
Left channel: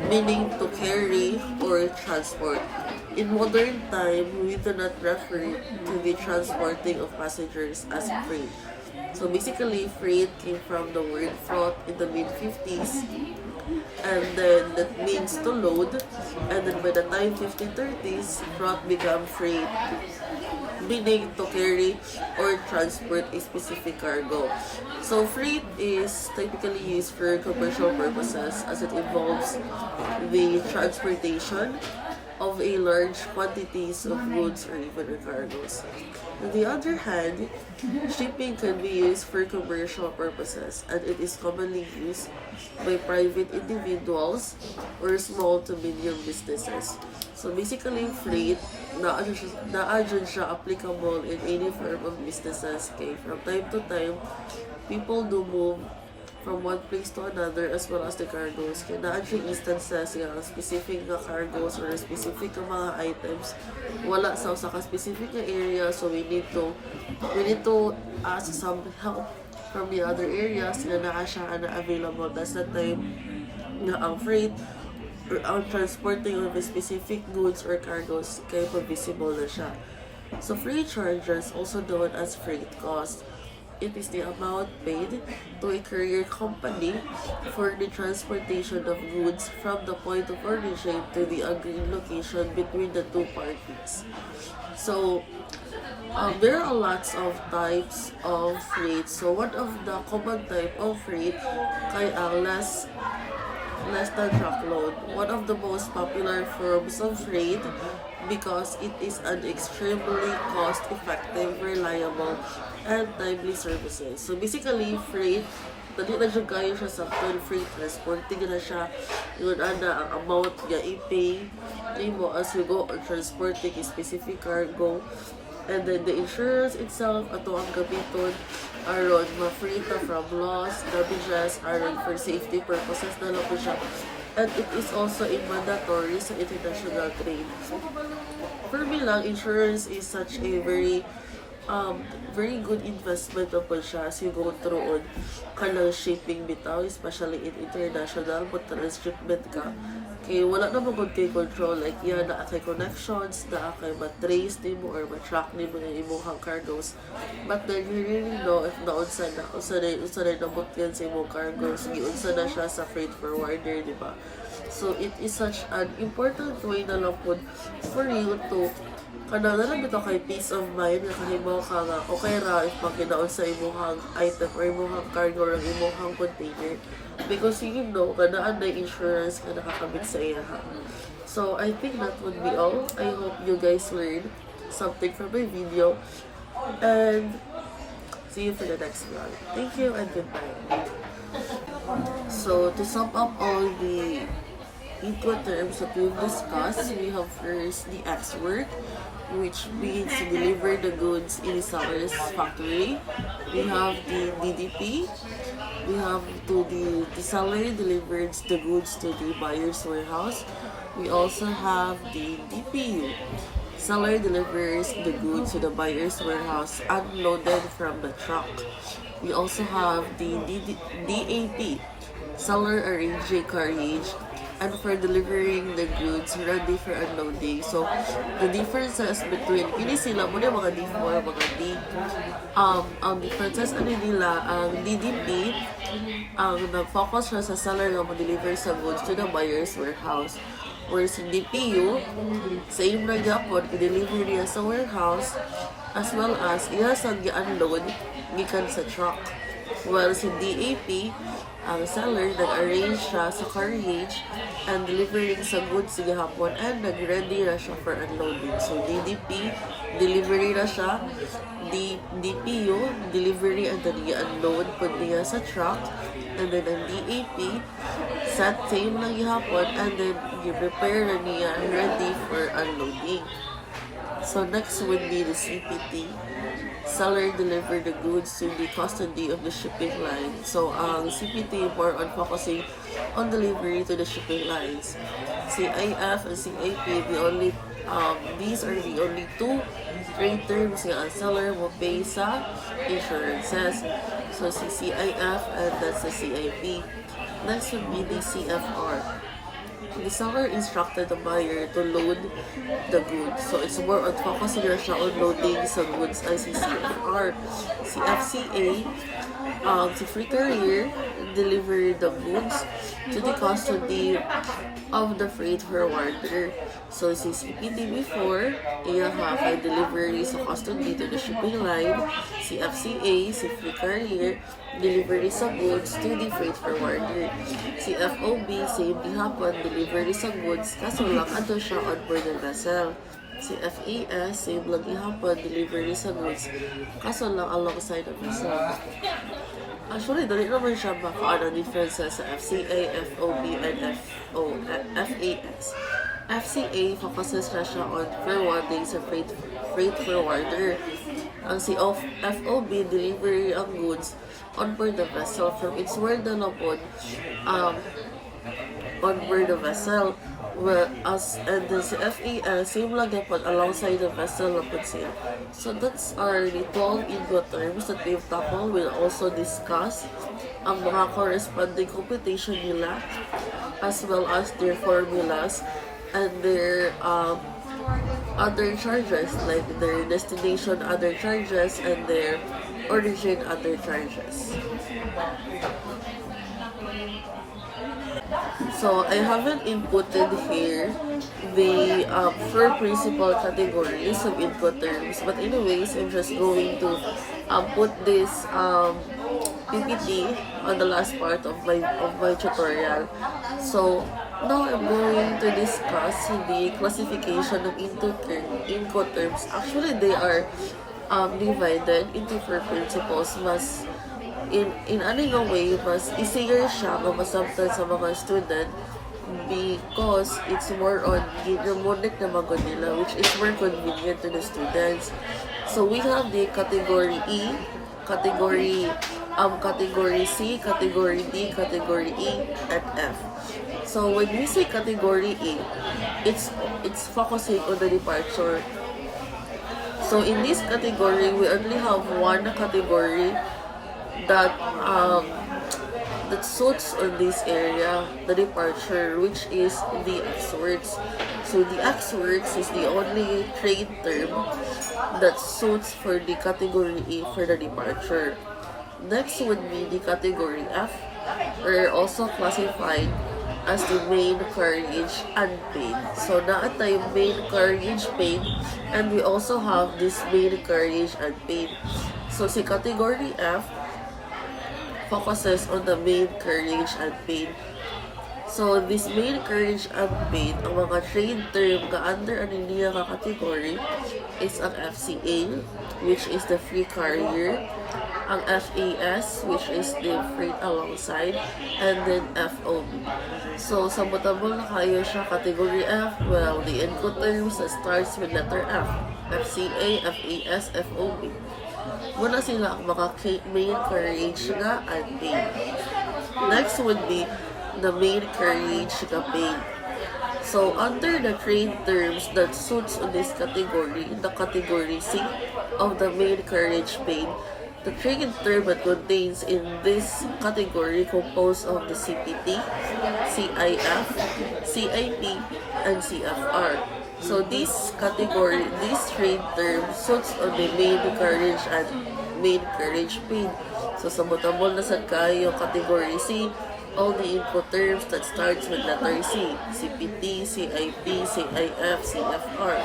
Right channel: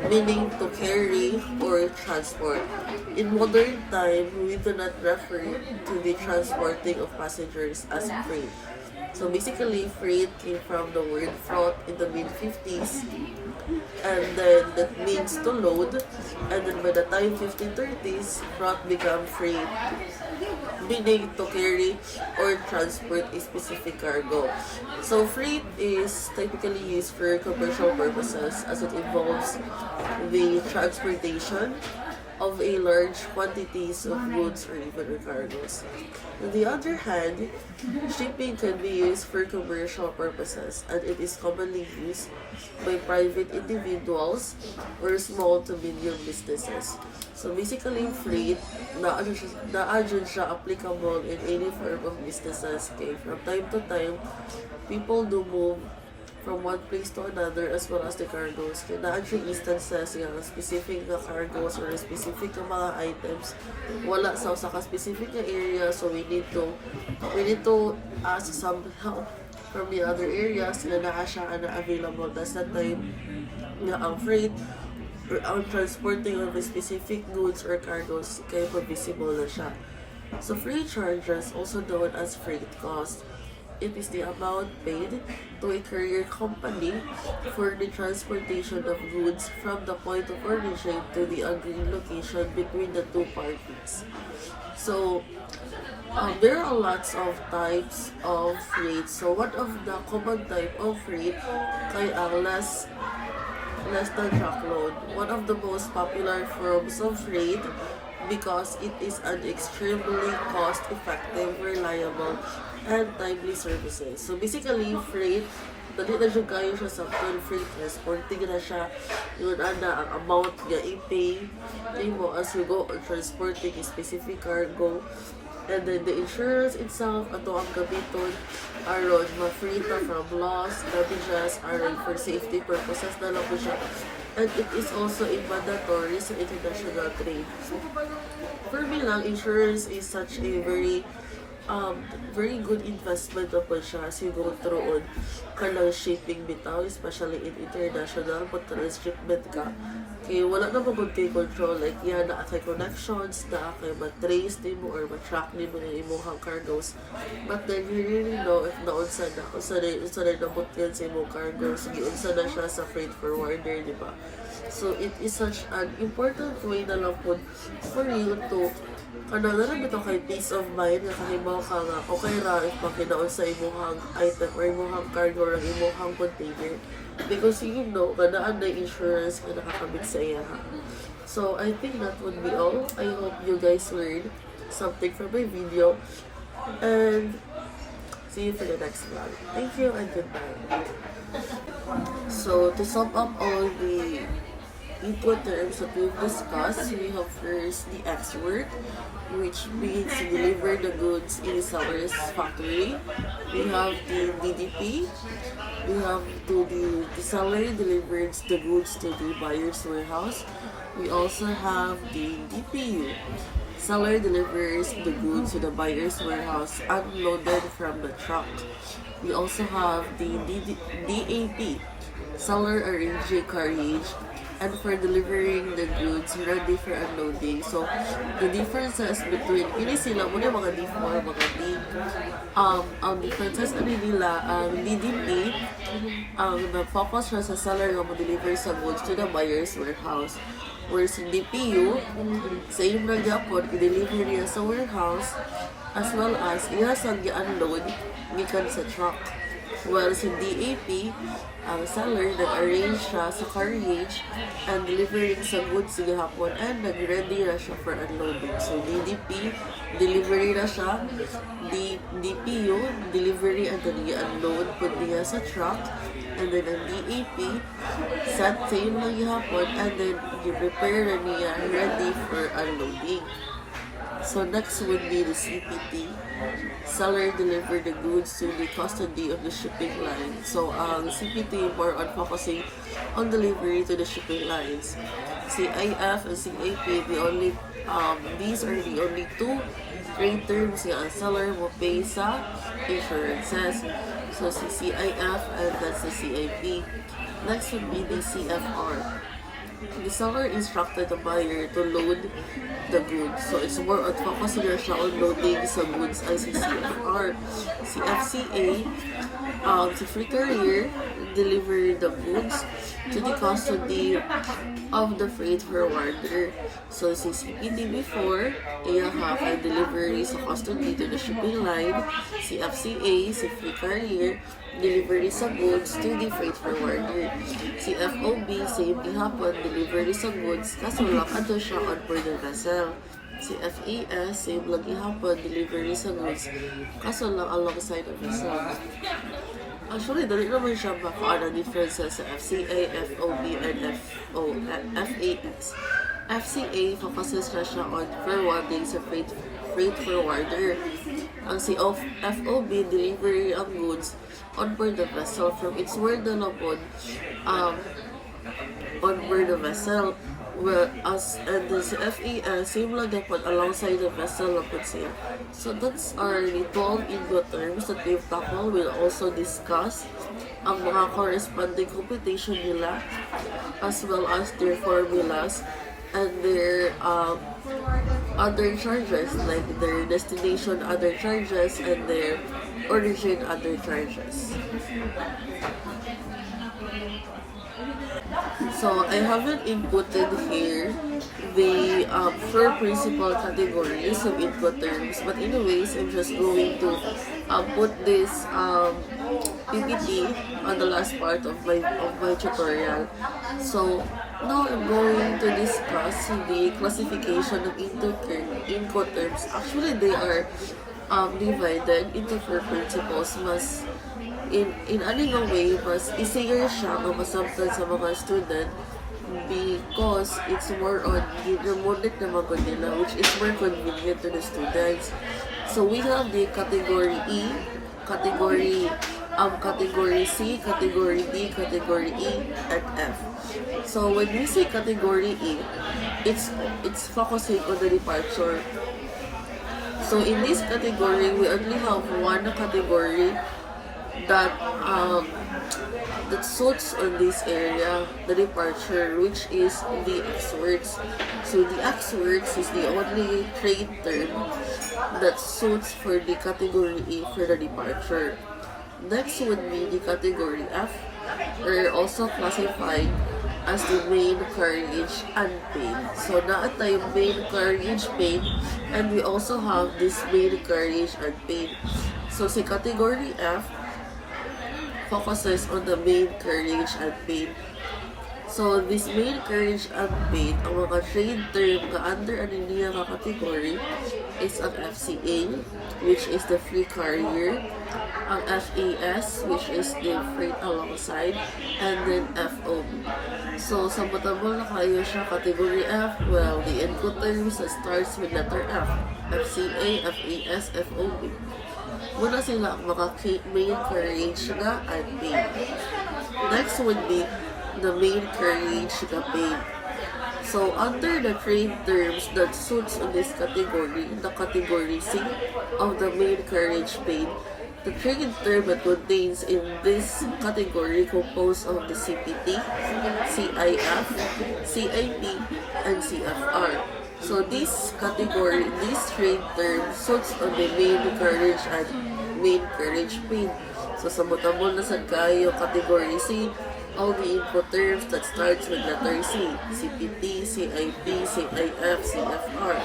meaning to carry or transport. In modern time, we do not refer to the transporting of passengers as freight. So basically, freight came from the word fraught in the mid-50s, and then that means to load, and then by the time 1530s, fraught became freight, meaning to carry or transport a specific cargo. So freight is typically used for commercial purposes as it involves the transportation of a large quantities of goods or even cargoes. On the other hand, shipping can be used for commercial purposes, and it is commonly used by private individuals or small to medium businesses. So basically, freight, na-adjun siya applicable in any form of businesses. Okay? From time to time, people do move from one place to another as well as the cargoes. Kaya na-adjun instances yung specific na cargoes or specific na mga items wala sa specific na area, so we need to ask some help from the other areas na naa siya na available. That's the time na ang freight or ang transporting of specific goods or cargoes kaya visible na siya. So freight charges, also known as freight cost, it is the amount paid to a courier company for the transportation of goods from the point of origin to the agreed location between the two parties. So, there are lots of types of freight. So, one of the common type of freight kay ang less than truckload. One of the most popular forms of freight because it is an extremely cost-effective, reliable, and timely services. So basically, freight, dali na dyan kayo siya sa freight transporting na siya. Yun ang amount niya i-pay mo as you go on transporting a specific cargo. And then the insurance itself, ato ang gamiton aron ma-free ta from loss, damages, aron for safety purposes na lang po siya. And it is also a mandatory sa international trade. For me lang, insurance is such a very good investment na po siya as you go through on kanang shipping bitaw, especially in international, but transshipment ka. Kaya wala na mo kung control, like yan, na kay connections, na kay matrace ni mo or matrack ni mo yung imong cargoes. But then you really know if naunsa na nabot yan sa imong cargoes, giunsa na siya sa freight forwarder, di ba? So it is such an important way na lang po for you to kanang na lang ito kay peace of mind na kahibaw ka nga okay ra if makinaon sa imong item or imong cargo or imong container, because you know kanaan na insurance ka nakakabit sa iya ha. So I think that would be all. I hope you guys learned something from my video, and see you for the next vlog. Thank you and goodbye. So to sum up all the Incoterms that we've discussed, we have first the X word, which means to deliver the goods in the seller's factory. We have the DDP. We have the seller delivers the goods to the buyer's warehouse. We also have the DPU. Seller delivers the goods to the buyer's warehouse unloaded from the truck. We also have the DAP. Seller arranging carriage and for delivering the goods ready for unloading. So the differences between kini sila mo na mga D4, mga D ang differences ano nila, ang DDP ang nag-focus siya sa seller nga mo-deliver sa goods to the buyer's warehouse, whereas si DPU same ra gyapon i-deliver niya sa warehouse as well as iya sa gi-unload gikan sa truck. While si DAP, ang seller, nag-arrange siya sa carriage and delivering sa goods gihapon and nag-ready na siya for unloading. So DDP, delivery na siya. DPU, delivery and then i-unload po niya sa truck. And then ang DAP, set same lang gihapon and then i-prepare na niya ready for unloading. So next would be the CPT. Seller delivered the goods to the custody of the shipping line. So CPT more on focusing on delivery to the shipping lines. CIF and CAP, these are the only two trade terms nga ang seller mo pay sa insurances. So si CIF and that's the CIP. Next would be the CFR. The seller instructed the buyer to load the goods. So it's more on focusing siya on loading sa goods as si CFR. Si FCA, si free carrier deliver the goods to the custody of the freight forwarder. So si CPT before, iya kay delivery sa custody to the shipping line. Si FCA, si free carrier, delivery sa goods to the freight forwarder. Si FOB, same gihapon, delivery sa goods, kaso lang ato siya on board the vessel. Si FAS, same lang gihapon, delivery sa goods, kaso lang alongside the vessel. Actually, dali naman siya makaano differences sa FCA, FOB, and FAS. FCA focuses na siya on forwarding sa freight forwarder. Ang si FOB, delivery ang goods on board the vessel from its word na labod on board the vessel. And then si FAS, same lang dapat alongside the vessel na po siya. So that's our the 12 Incoterms that we've tackled. We'll also discuss ang mga corresponding computation nila as well as their formulas and their other charges, like their destination other charges and their origin other charges. So I haven't inputted here the 4 principal categories of Incoterms, but anyways, I'm just going to put this PPT on the last part of my tutorial. So now I'm going to discuss the classification of Incoterms. Actually, they are divided into 4 principles. Mas in any way, mas easier siya nga masabtan sa mga student because it's more on mnemonic na magod nila, which is more convenient to the students. So we have the category E, category category C, category D, category E, and F. So when we say category E, it's focusing on the departure. So in this category, we only have one category that that suits on this area, the departure, which is the X words. So the X words is the only trade term that suits for the category E for the departure. Next would be the category F, are also classified as the main carriage and pain. So naatay main carriage pain, and we also have this main carriage and pain. So si category F focuses on the main carriage and pain. So this main carriage and pain, ang mga trade term ka under ano niya ka category is ang FCA, which is the free carrier, ang FAS, which is the freight alongside, and then FOB. So, sa matamo na kayo siya, category F, well, the Incoterms that starts with letter F, FCA, FAS, FOB. Muna sila ang mga main carriage nga and pain. Next would be the main carriage nga pain. So, under the trade terms that suits on this category, the category C of the main carriage pain, the trade term that contains in this category composed of the CPT, CIF, CIP, and CFR. So, this category, this trade term suits on the main carriage and main carriage pain. So, sa mutamol na sad kayo category C, all the Incoterms that starts with letter C, CPT, CIP, CIF, CFR.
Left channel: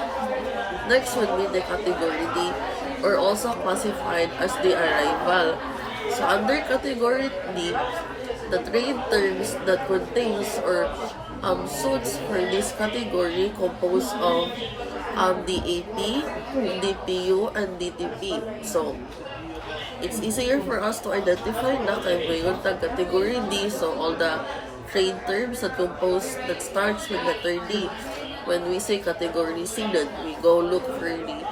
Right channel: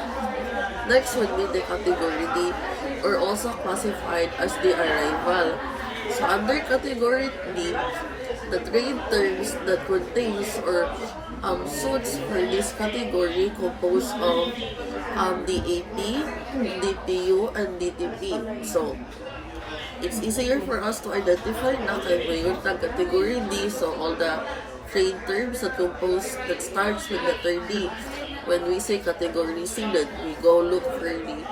Next would be the category D, or also classified as the arrival. So under category D, the trade terms that contains or suits for this category composed of DAP, DPU, and DTP. So it's easier for us to identify na kay mayon tag category D. So all the trade terms that starts with letter D. When we say category C, then we go look for the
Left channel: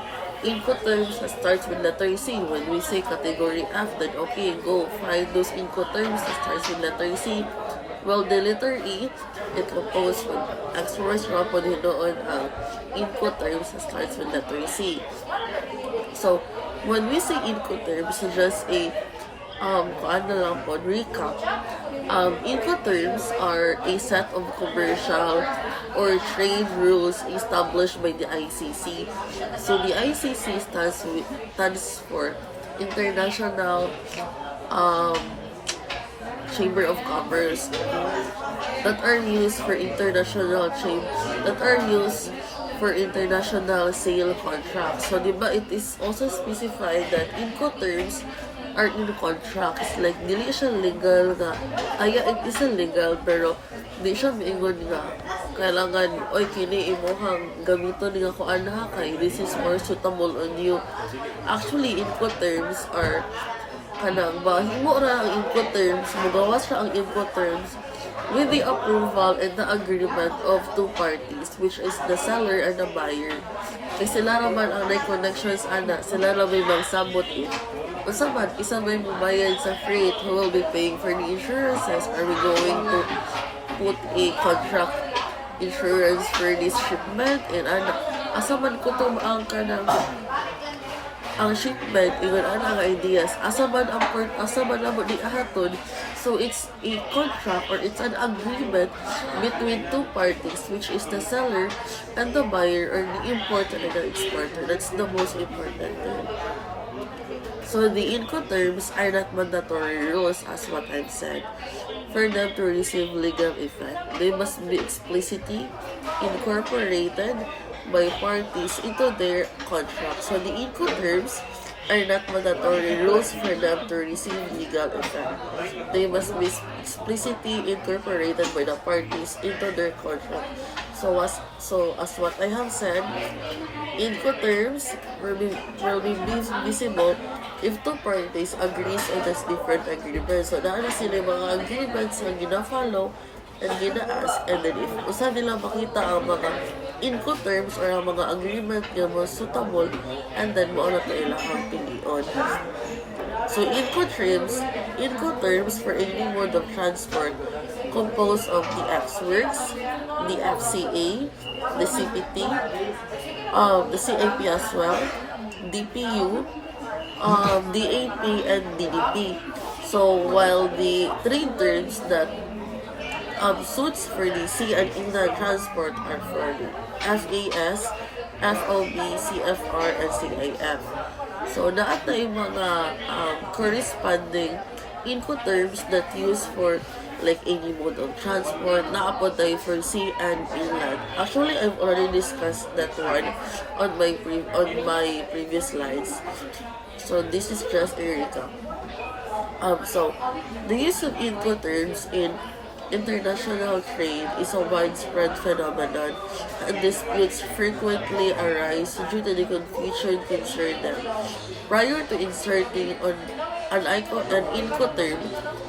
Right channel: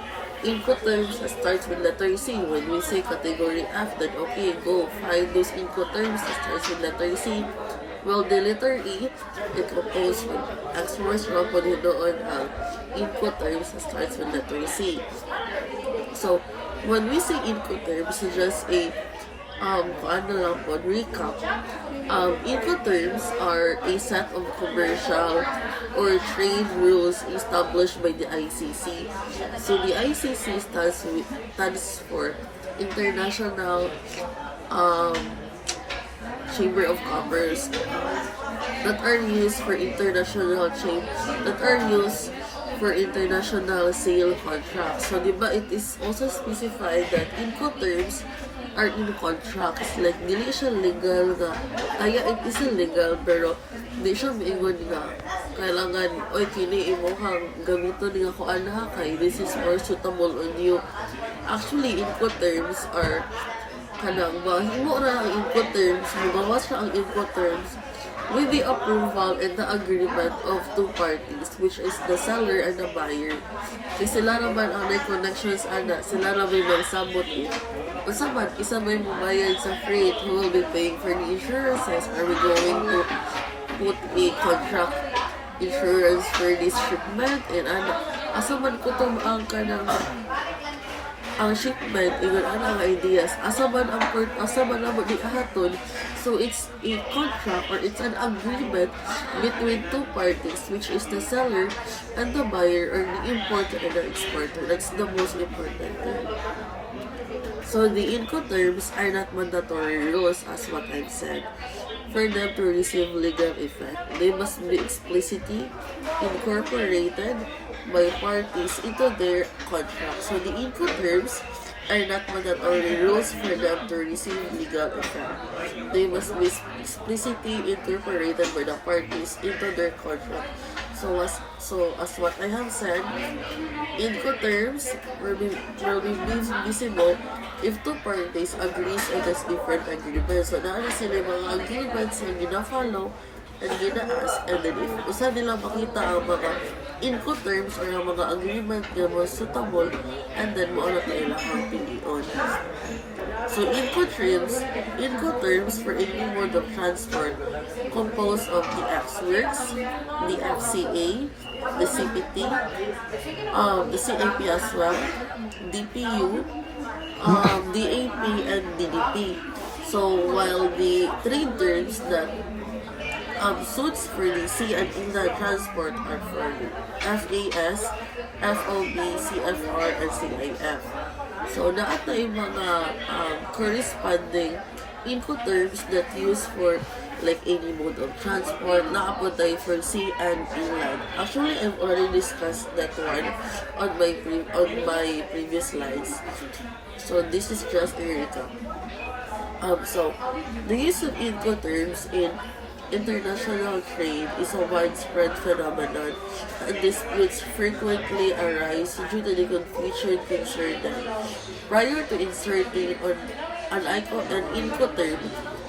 Incoterms that starts with letter C. When we say category F, then okay, go find those Incoterms that starts with letter C. Well, the letter E, it composed with express rapon hinoon ang Incoterms that starts with letter C. So, when we say Incoterms, just a recap. Incoterms are a set of commercial or trade rules established by the ICC. So the ICC stands for International Chamber of Commerce, that are used for international sale contracts. So, diba, it is also specified that Incoterms are in contracts. Like, dili siya legal nga. It is illegal, pero di siya maingon nga. Kailangan, oy, kini imuhang gamiton nga ko ana kay this is more suitable on you. Actually, Incoterms are kanang mahimo ra ang Incoterms, magawas siya ang Incoterms with the approval and the agreement of two parties, which is the seller and the buyer. Kasi sila naman ang connections ana, sila na may magsabot Unsa man, isa may mubayad sa freight, who will be paying for the insurances? Are we going to put a contract insurance for this shipment? And asa man ko to maangka ng ang shipment, ingon ang ideas, asa man ang di ahaton. So it's a contract or it's an agreement between two parties, which is the seller and the buyer, or the importer and the exporter. That's the most important thing. So the Incoterms are not mandatory rules, as what I've said, for them to receive legal effect. They must be explicitly incorporated by parties into their contract. So the Incoterms are not mandatory rules for them to receive legal effect. They must be explicitly incorporated by the parties into their contract. So as what I have said, Incoterms will be visible if two parties agrees on this different agreements. So, naano sila mga agreements na gina-follow and gina-ask, and then if usa nila makita ang mga Incoterms or ang mga agreement nga mo suitable, and then mo na to ilang pilion. So Incoterms for any mode of transport composed of the X-Works, the FCA, the CPT, the CIP as well, DPU, DAP, and DDP. So while the trade terms that suits for the sea and inland transport are for the FAS, FOB, CFR, and CIF. So naatay mga corresponding Incoterms that use for like any mode of transport. Naapotay for sea and inland. Actually, I've already discussed that one on my previous slides. So this is just a recap. So the use of Incoterms in international trade is a widespread phenomenon, and disputes frequently arise due to the confusion concerning them. Prior to inserting an Incoterm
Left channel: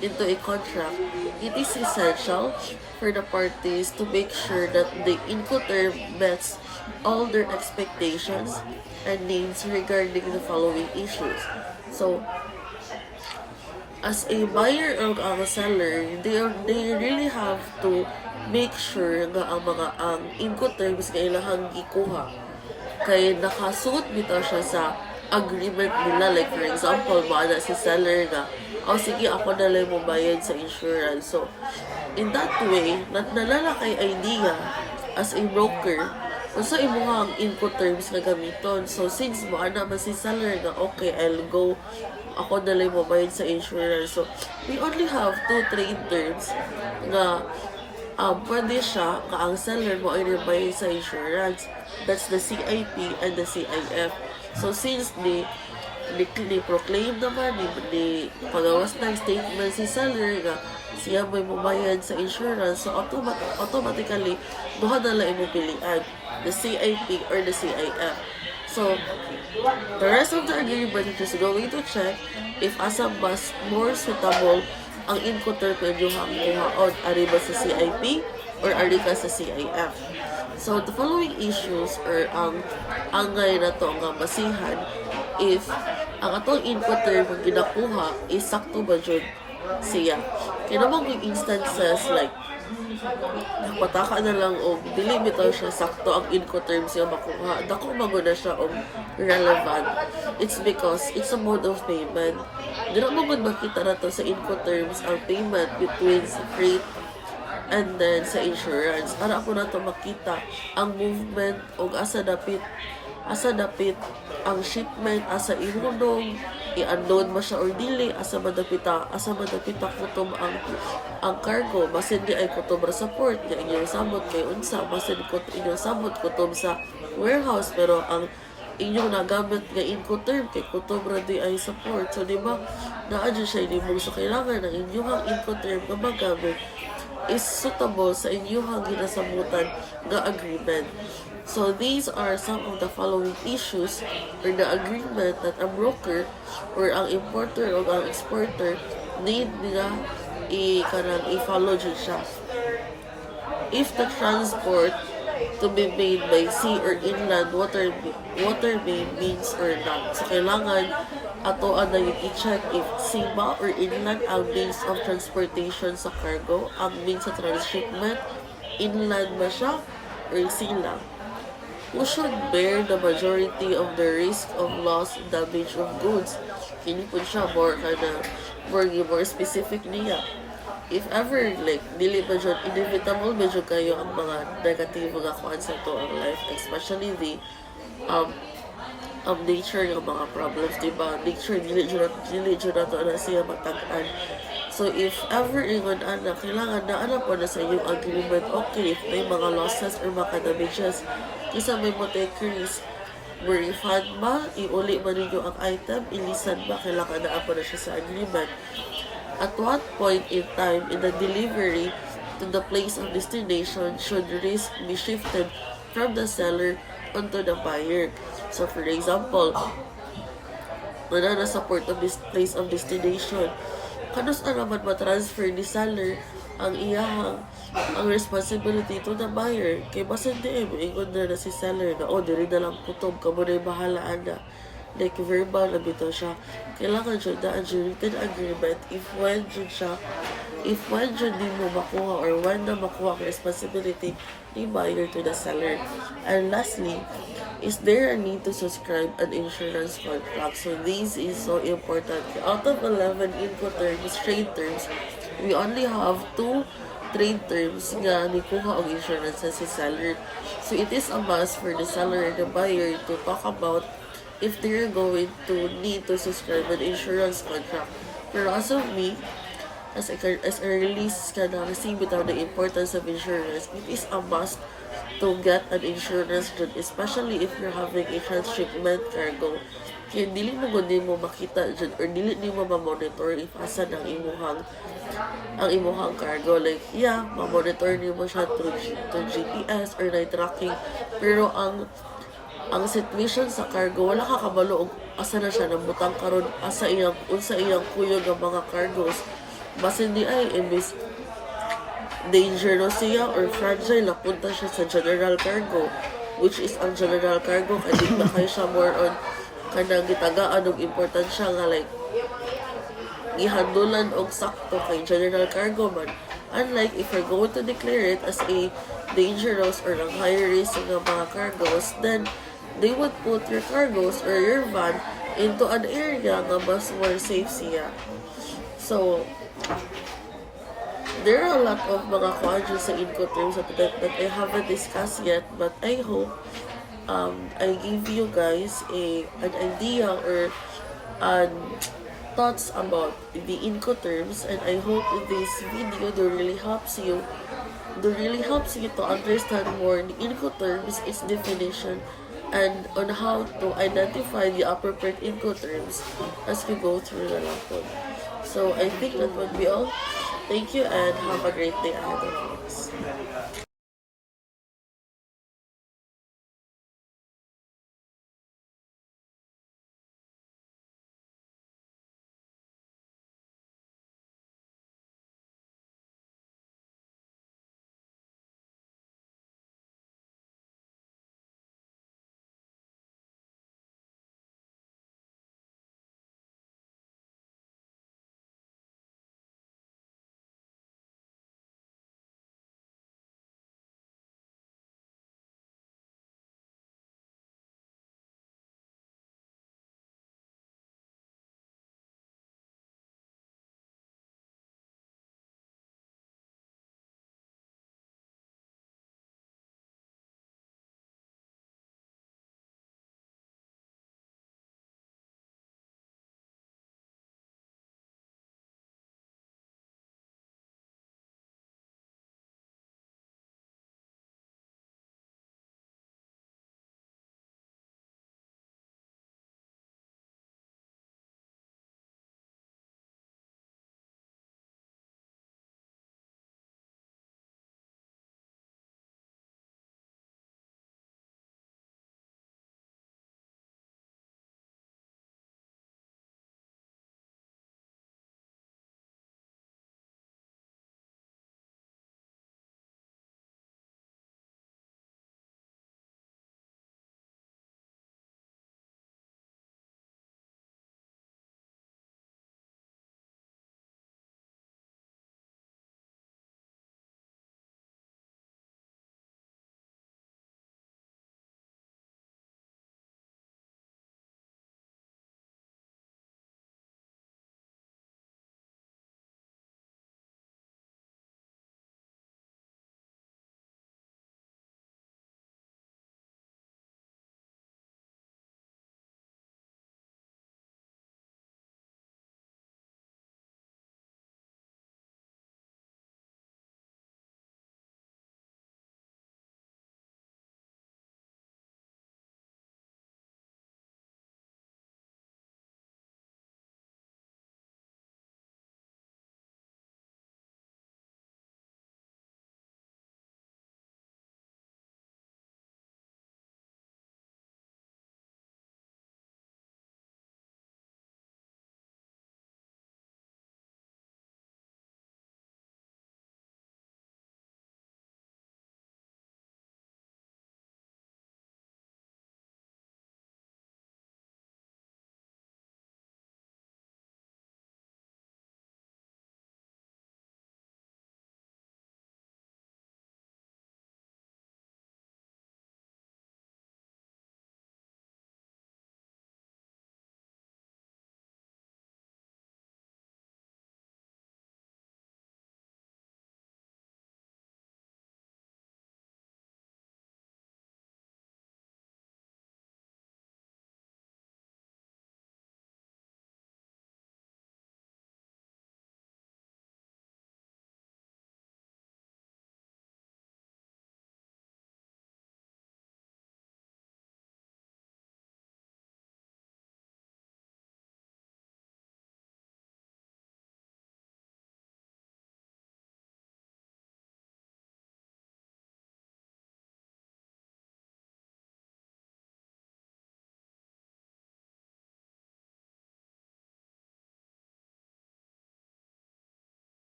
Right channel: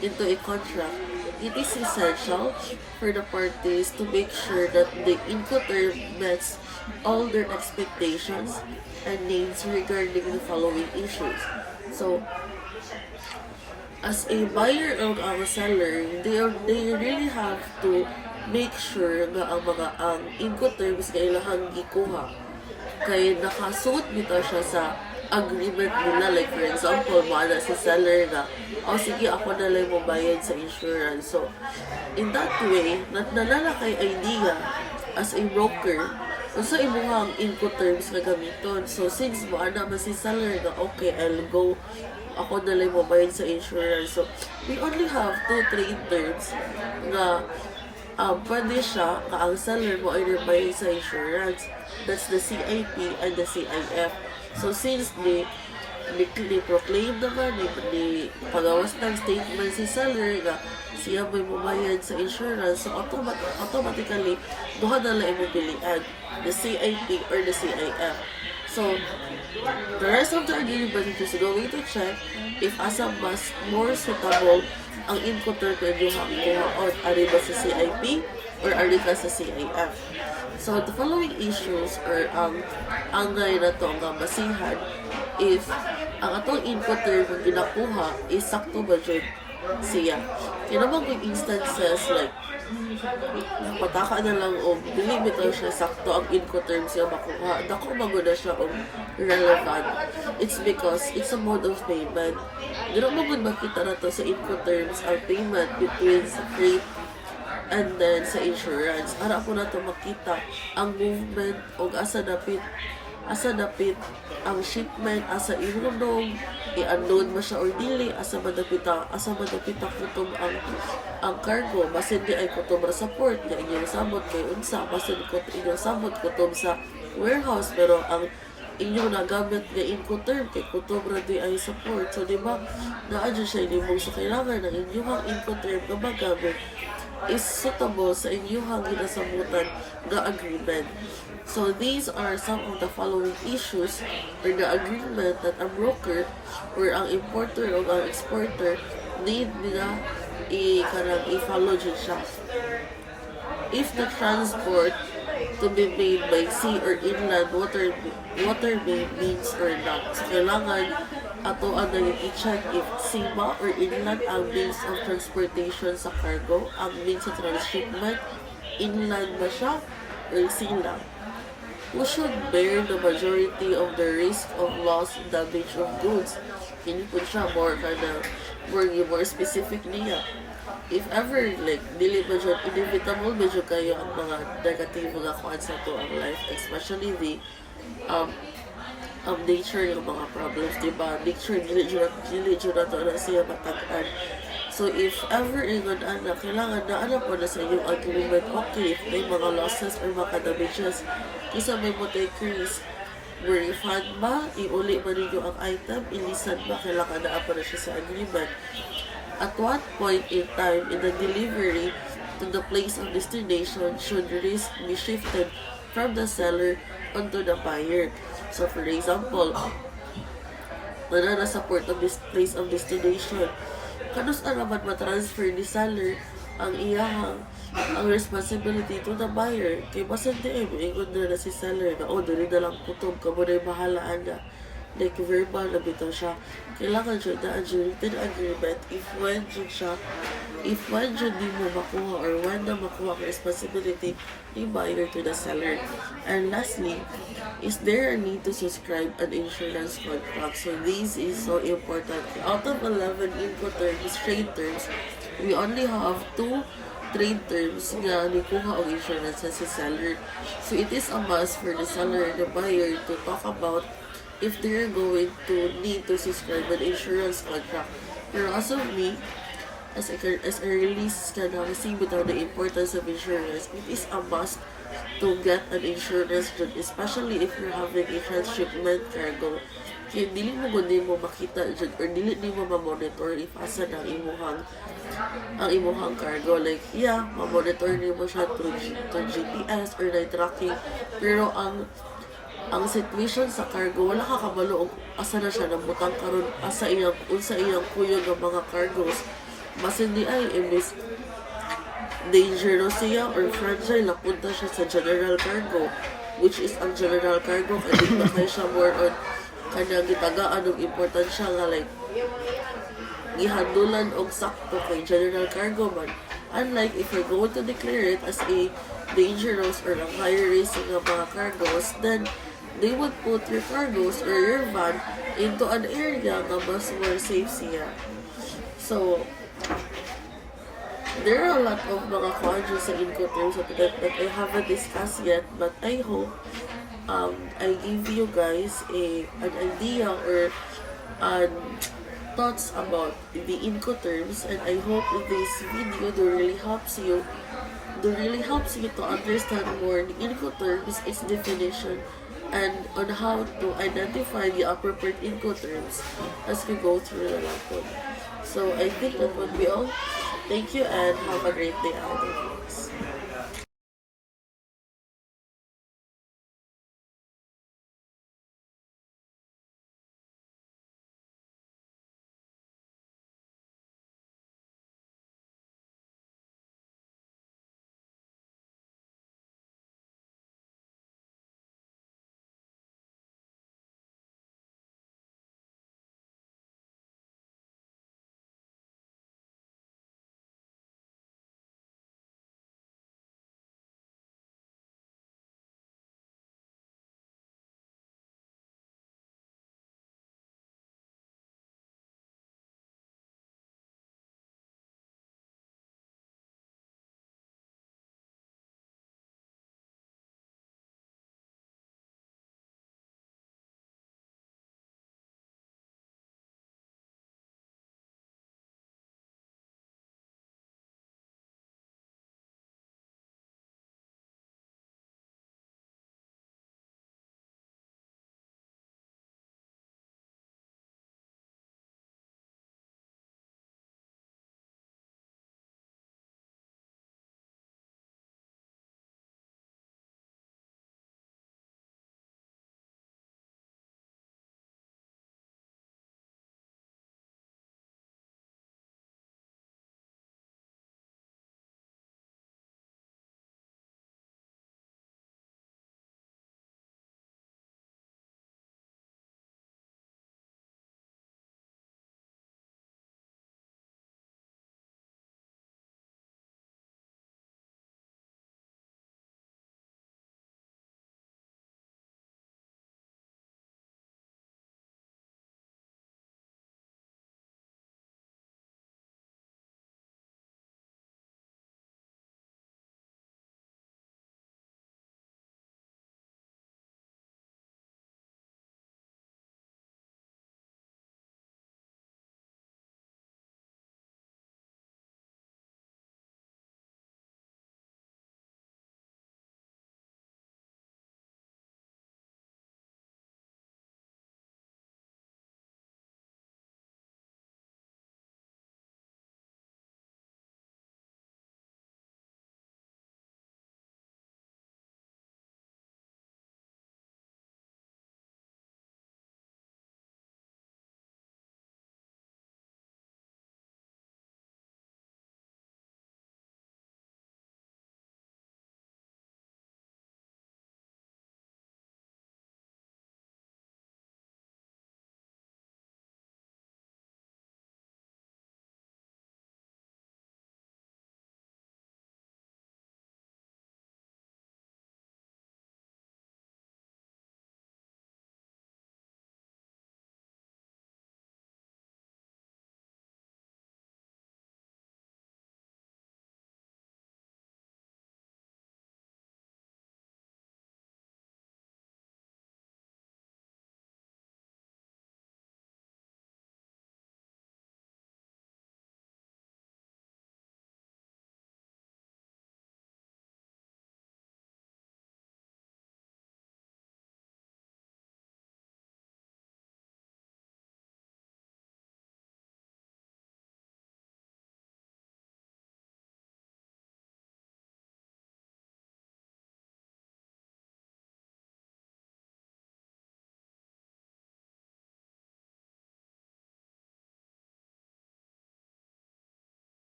into a contract, it is essential for the parties to make sure that the Incoterm meets all their expectations and needs regarding the following issues. So, as a buyer or ang seller, they really have to make sure nga ang Incoterms nga ilahang gikuha kay nakasuot bitaw siya sa agreement nila. Like for example, maana si seller nga, sige, ako na lang mo bayad sa insurance. So in that way, nalala kay idea as a broker kung sa imuhang Incoterms nga gamiton. So since maana man si seller nga, okay, I'll go, ako na lang mo bayad sa insurance. So we only have two trade terms na pwede siya ka ang seller mo ay bayad sa insurance. That's the CIP and the CIF. So since ni proclaim naman, ni pagawas ng statement si seller nga siya may mabayad sa insurance, so automatically duha na lang imong the CIP or the CIF. So the rest of the agreement is just going to check if asa mas more suitable ang Incoterm pwede yung kuhaon, ari ba sa CIP or ari ka sa CIF. So the following issues or ang angay na to nga masihan if ang atong Incoterm kung ginakuha is sakto ba dyan siya. Kinamang kung instances like pataka na lang o dili bitaw siya sakto ang Incoterm siya makuha, dako maguna siya og relevant. It's because it's a mode of payment. Dili mo gud makita na to sa Incoterms ang payment between sa freight and then sa insurance. Ara po na to makita ang movement og asa dapit ang shipment, asa ihunong, i-unload mo siya or dili, asa madapita kutom ang cargo, masin di ay kutom ra sa port, nga inyong samot kay unsa, masin inyong samot kutom sa warehouse, pero ang inyong nagamit nga Incoterm kay kutom ra di ay sa port. So di ba, naadyo siya inimong, so kailangan ng inyong Incoterm nga magamit is suitable sa inyong ginasamutan nga agreement. So these are some of the following issues or the agreement that a broker or ang importer o ang exporter need nila i-follow dyan siya. If the transport to be made by sea or inland waterway means or not. So kailangan ato na yung i-check if sea ba or inland ang means of transportation sa cargo, ang means of transshipment, inland ba siya or sea lang. Who should bear the majority of the risk of loss and damage of goods? Kini po siya more specific niya. If ever, like, dili ba dyan, inevitable medyo kayo ang mga negative nga kuhan sa to ang life, especially the nature yung mga problems, diba? Nature, dili dyan na to na siya matag-an. So, if ever ingon na, kailangan na po na sa inyong agreement, okay, if may mga losses or mga damages, isa may motekers, refund ba, iuli ba ninyo ang item, ilisan ba, kailangan na po na siya sa agreement. At what point in time in the delivery to the place of destination should risk be shifted from the seller onto the buyer? So for example, na sa port of this place of destination, kanus naman ma-transfer ni seller ang iyahang ang responsibility to the buyer. Kay basan di ingon na si seller na, dili na lang kutob, kamo na bahalaan na. Like, verbal na bitaw siya. Kailangan siya na ang written agreement if when dyan di mo makuha or when na makuha ang responsibility ni buyer to the seller. And lastly, is there a need to subscribe an insurance contract? So this is so important. Out of 11 Incoterms, trade terms, we only have 2 trade terms nga nikuha og insurance sa si seller. So it is a must for the seller and the buyer to talk about if they're going to need to subscribe an insurance contract. Pero as of me, as a release ka na kasi bitaw the importance of insurance, it is a must to get an insurance dyan, especially if you're having a transshipment cargo. Kaya dili mo gudi mo makita dyan or dili mo ma-monitor if asa ang imuhang cargo. Like, ma-monitor mo siya through GPS or night tracking. Pero ang situation sa cargo, wala ka kabalo og asa na siya nabutang karon, unsa iyang kuyog ng mga cargos. Basin di ay imbis dangerous siya or fragile, napunta siya sa general cargo, which is ang general cargo kadi ba kay siya more on kanang gitagaan og importansya nga like gihandulan og sakto kay general cargo man. Unlike if you're going to declare it as a dangerous or ang higher risk nga mga cargos, then they would put your cargos or your van into an area nga mas more safe siya. So, there are a lot of mga quadrants sa Incoterms that I haven't discussed yet, but I hope I give you guys an idea or thoughts about the Incoterms, and I hope this video really helps you to understand more the Incoterms, its definition, and on how to identify the appropriate Incoterms as we go through the lapod. So I think that would be all. Thank you and have a great day ahead of us.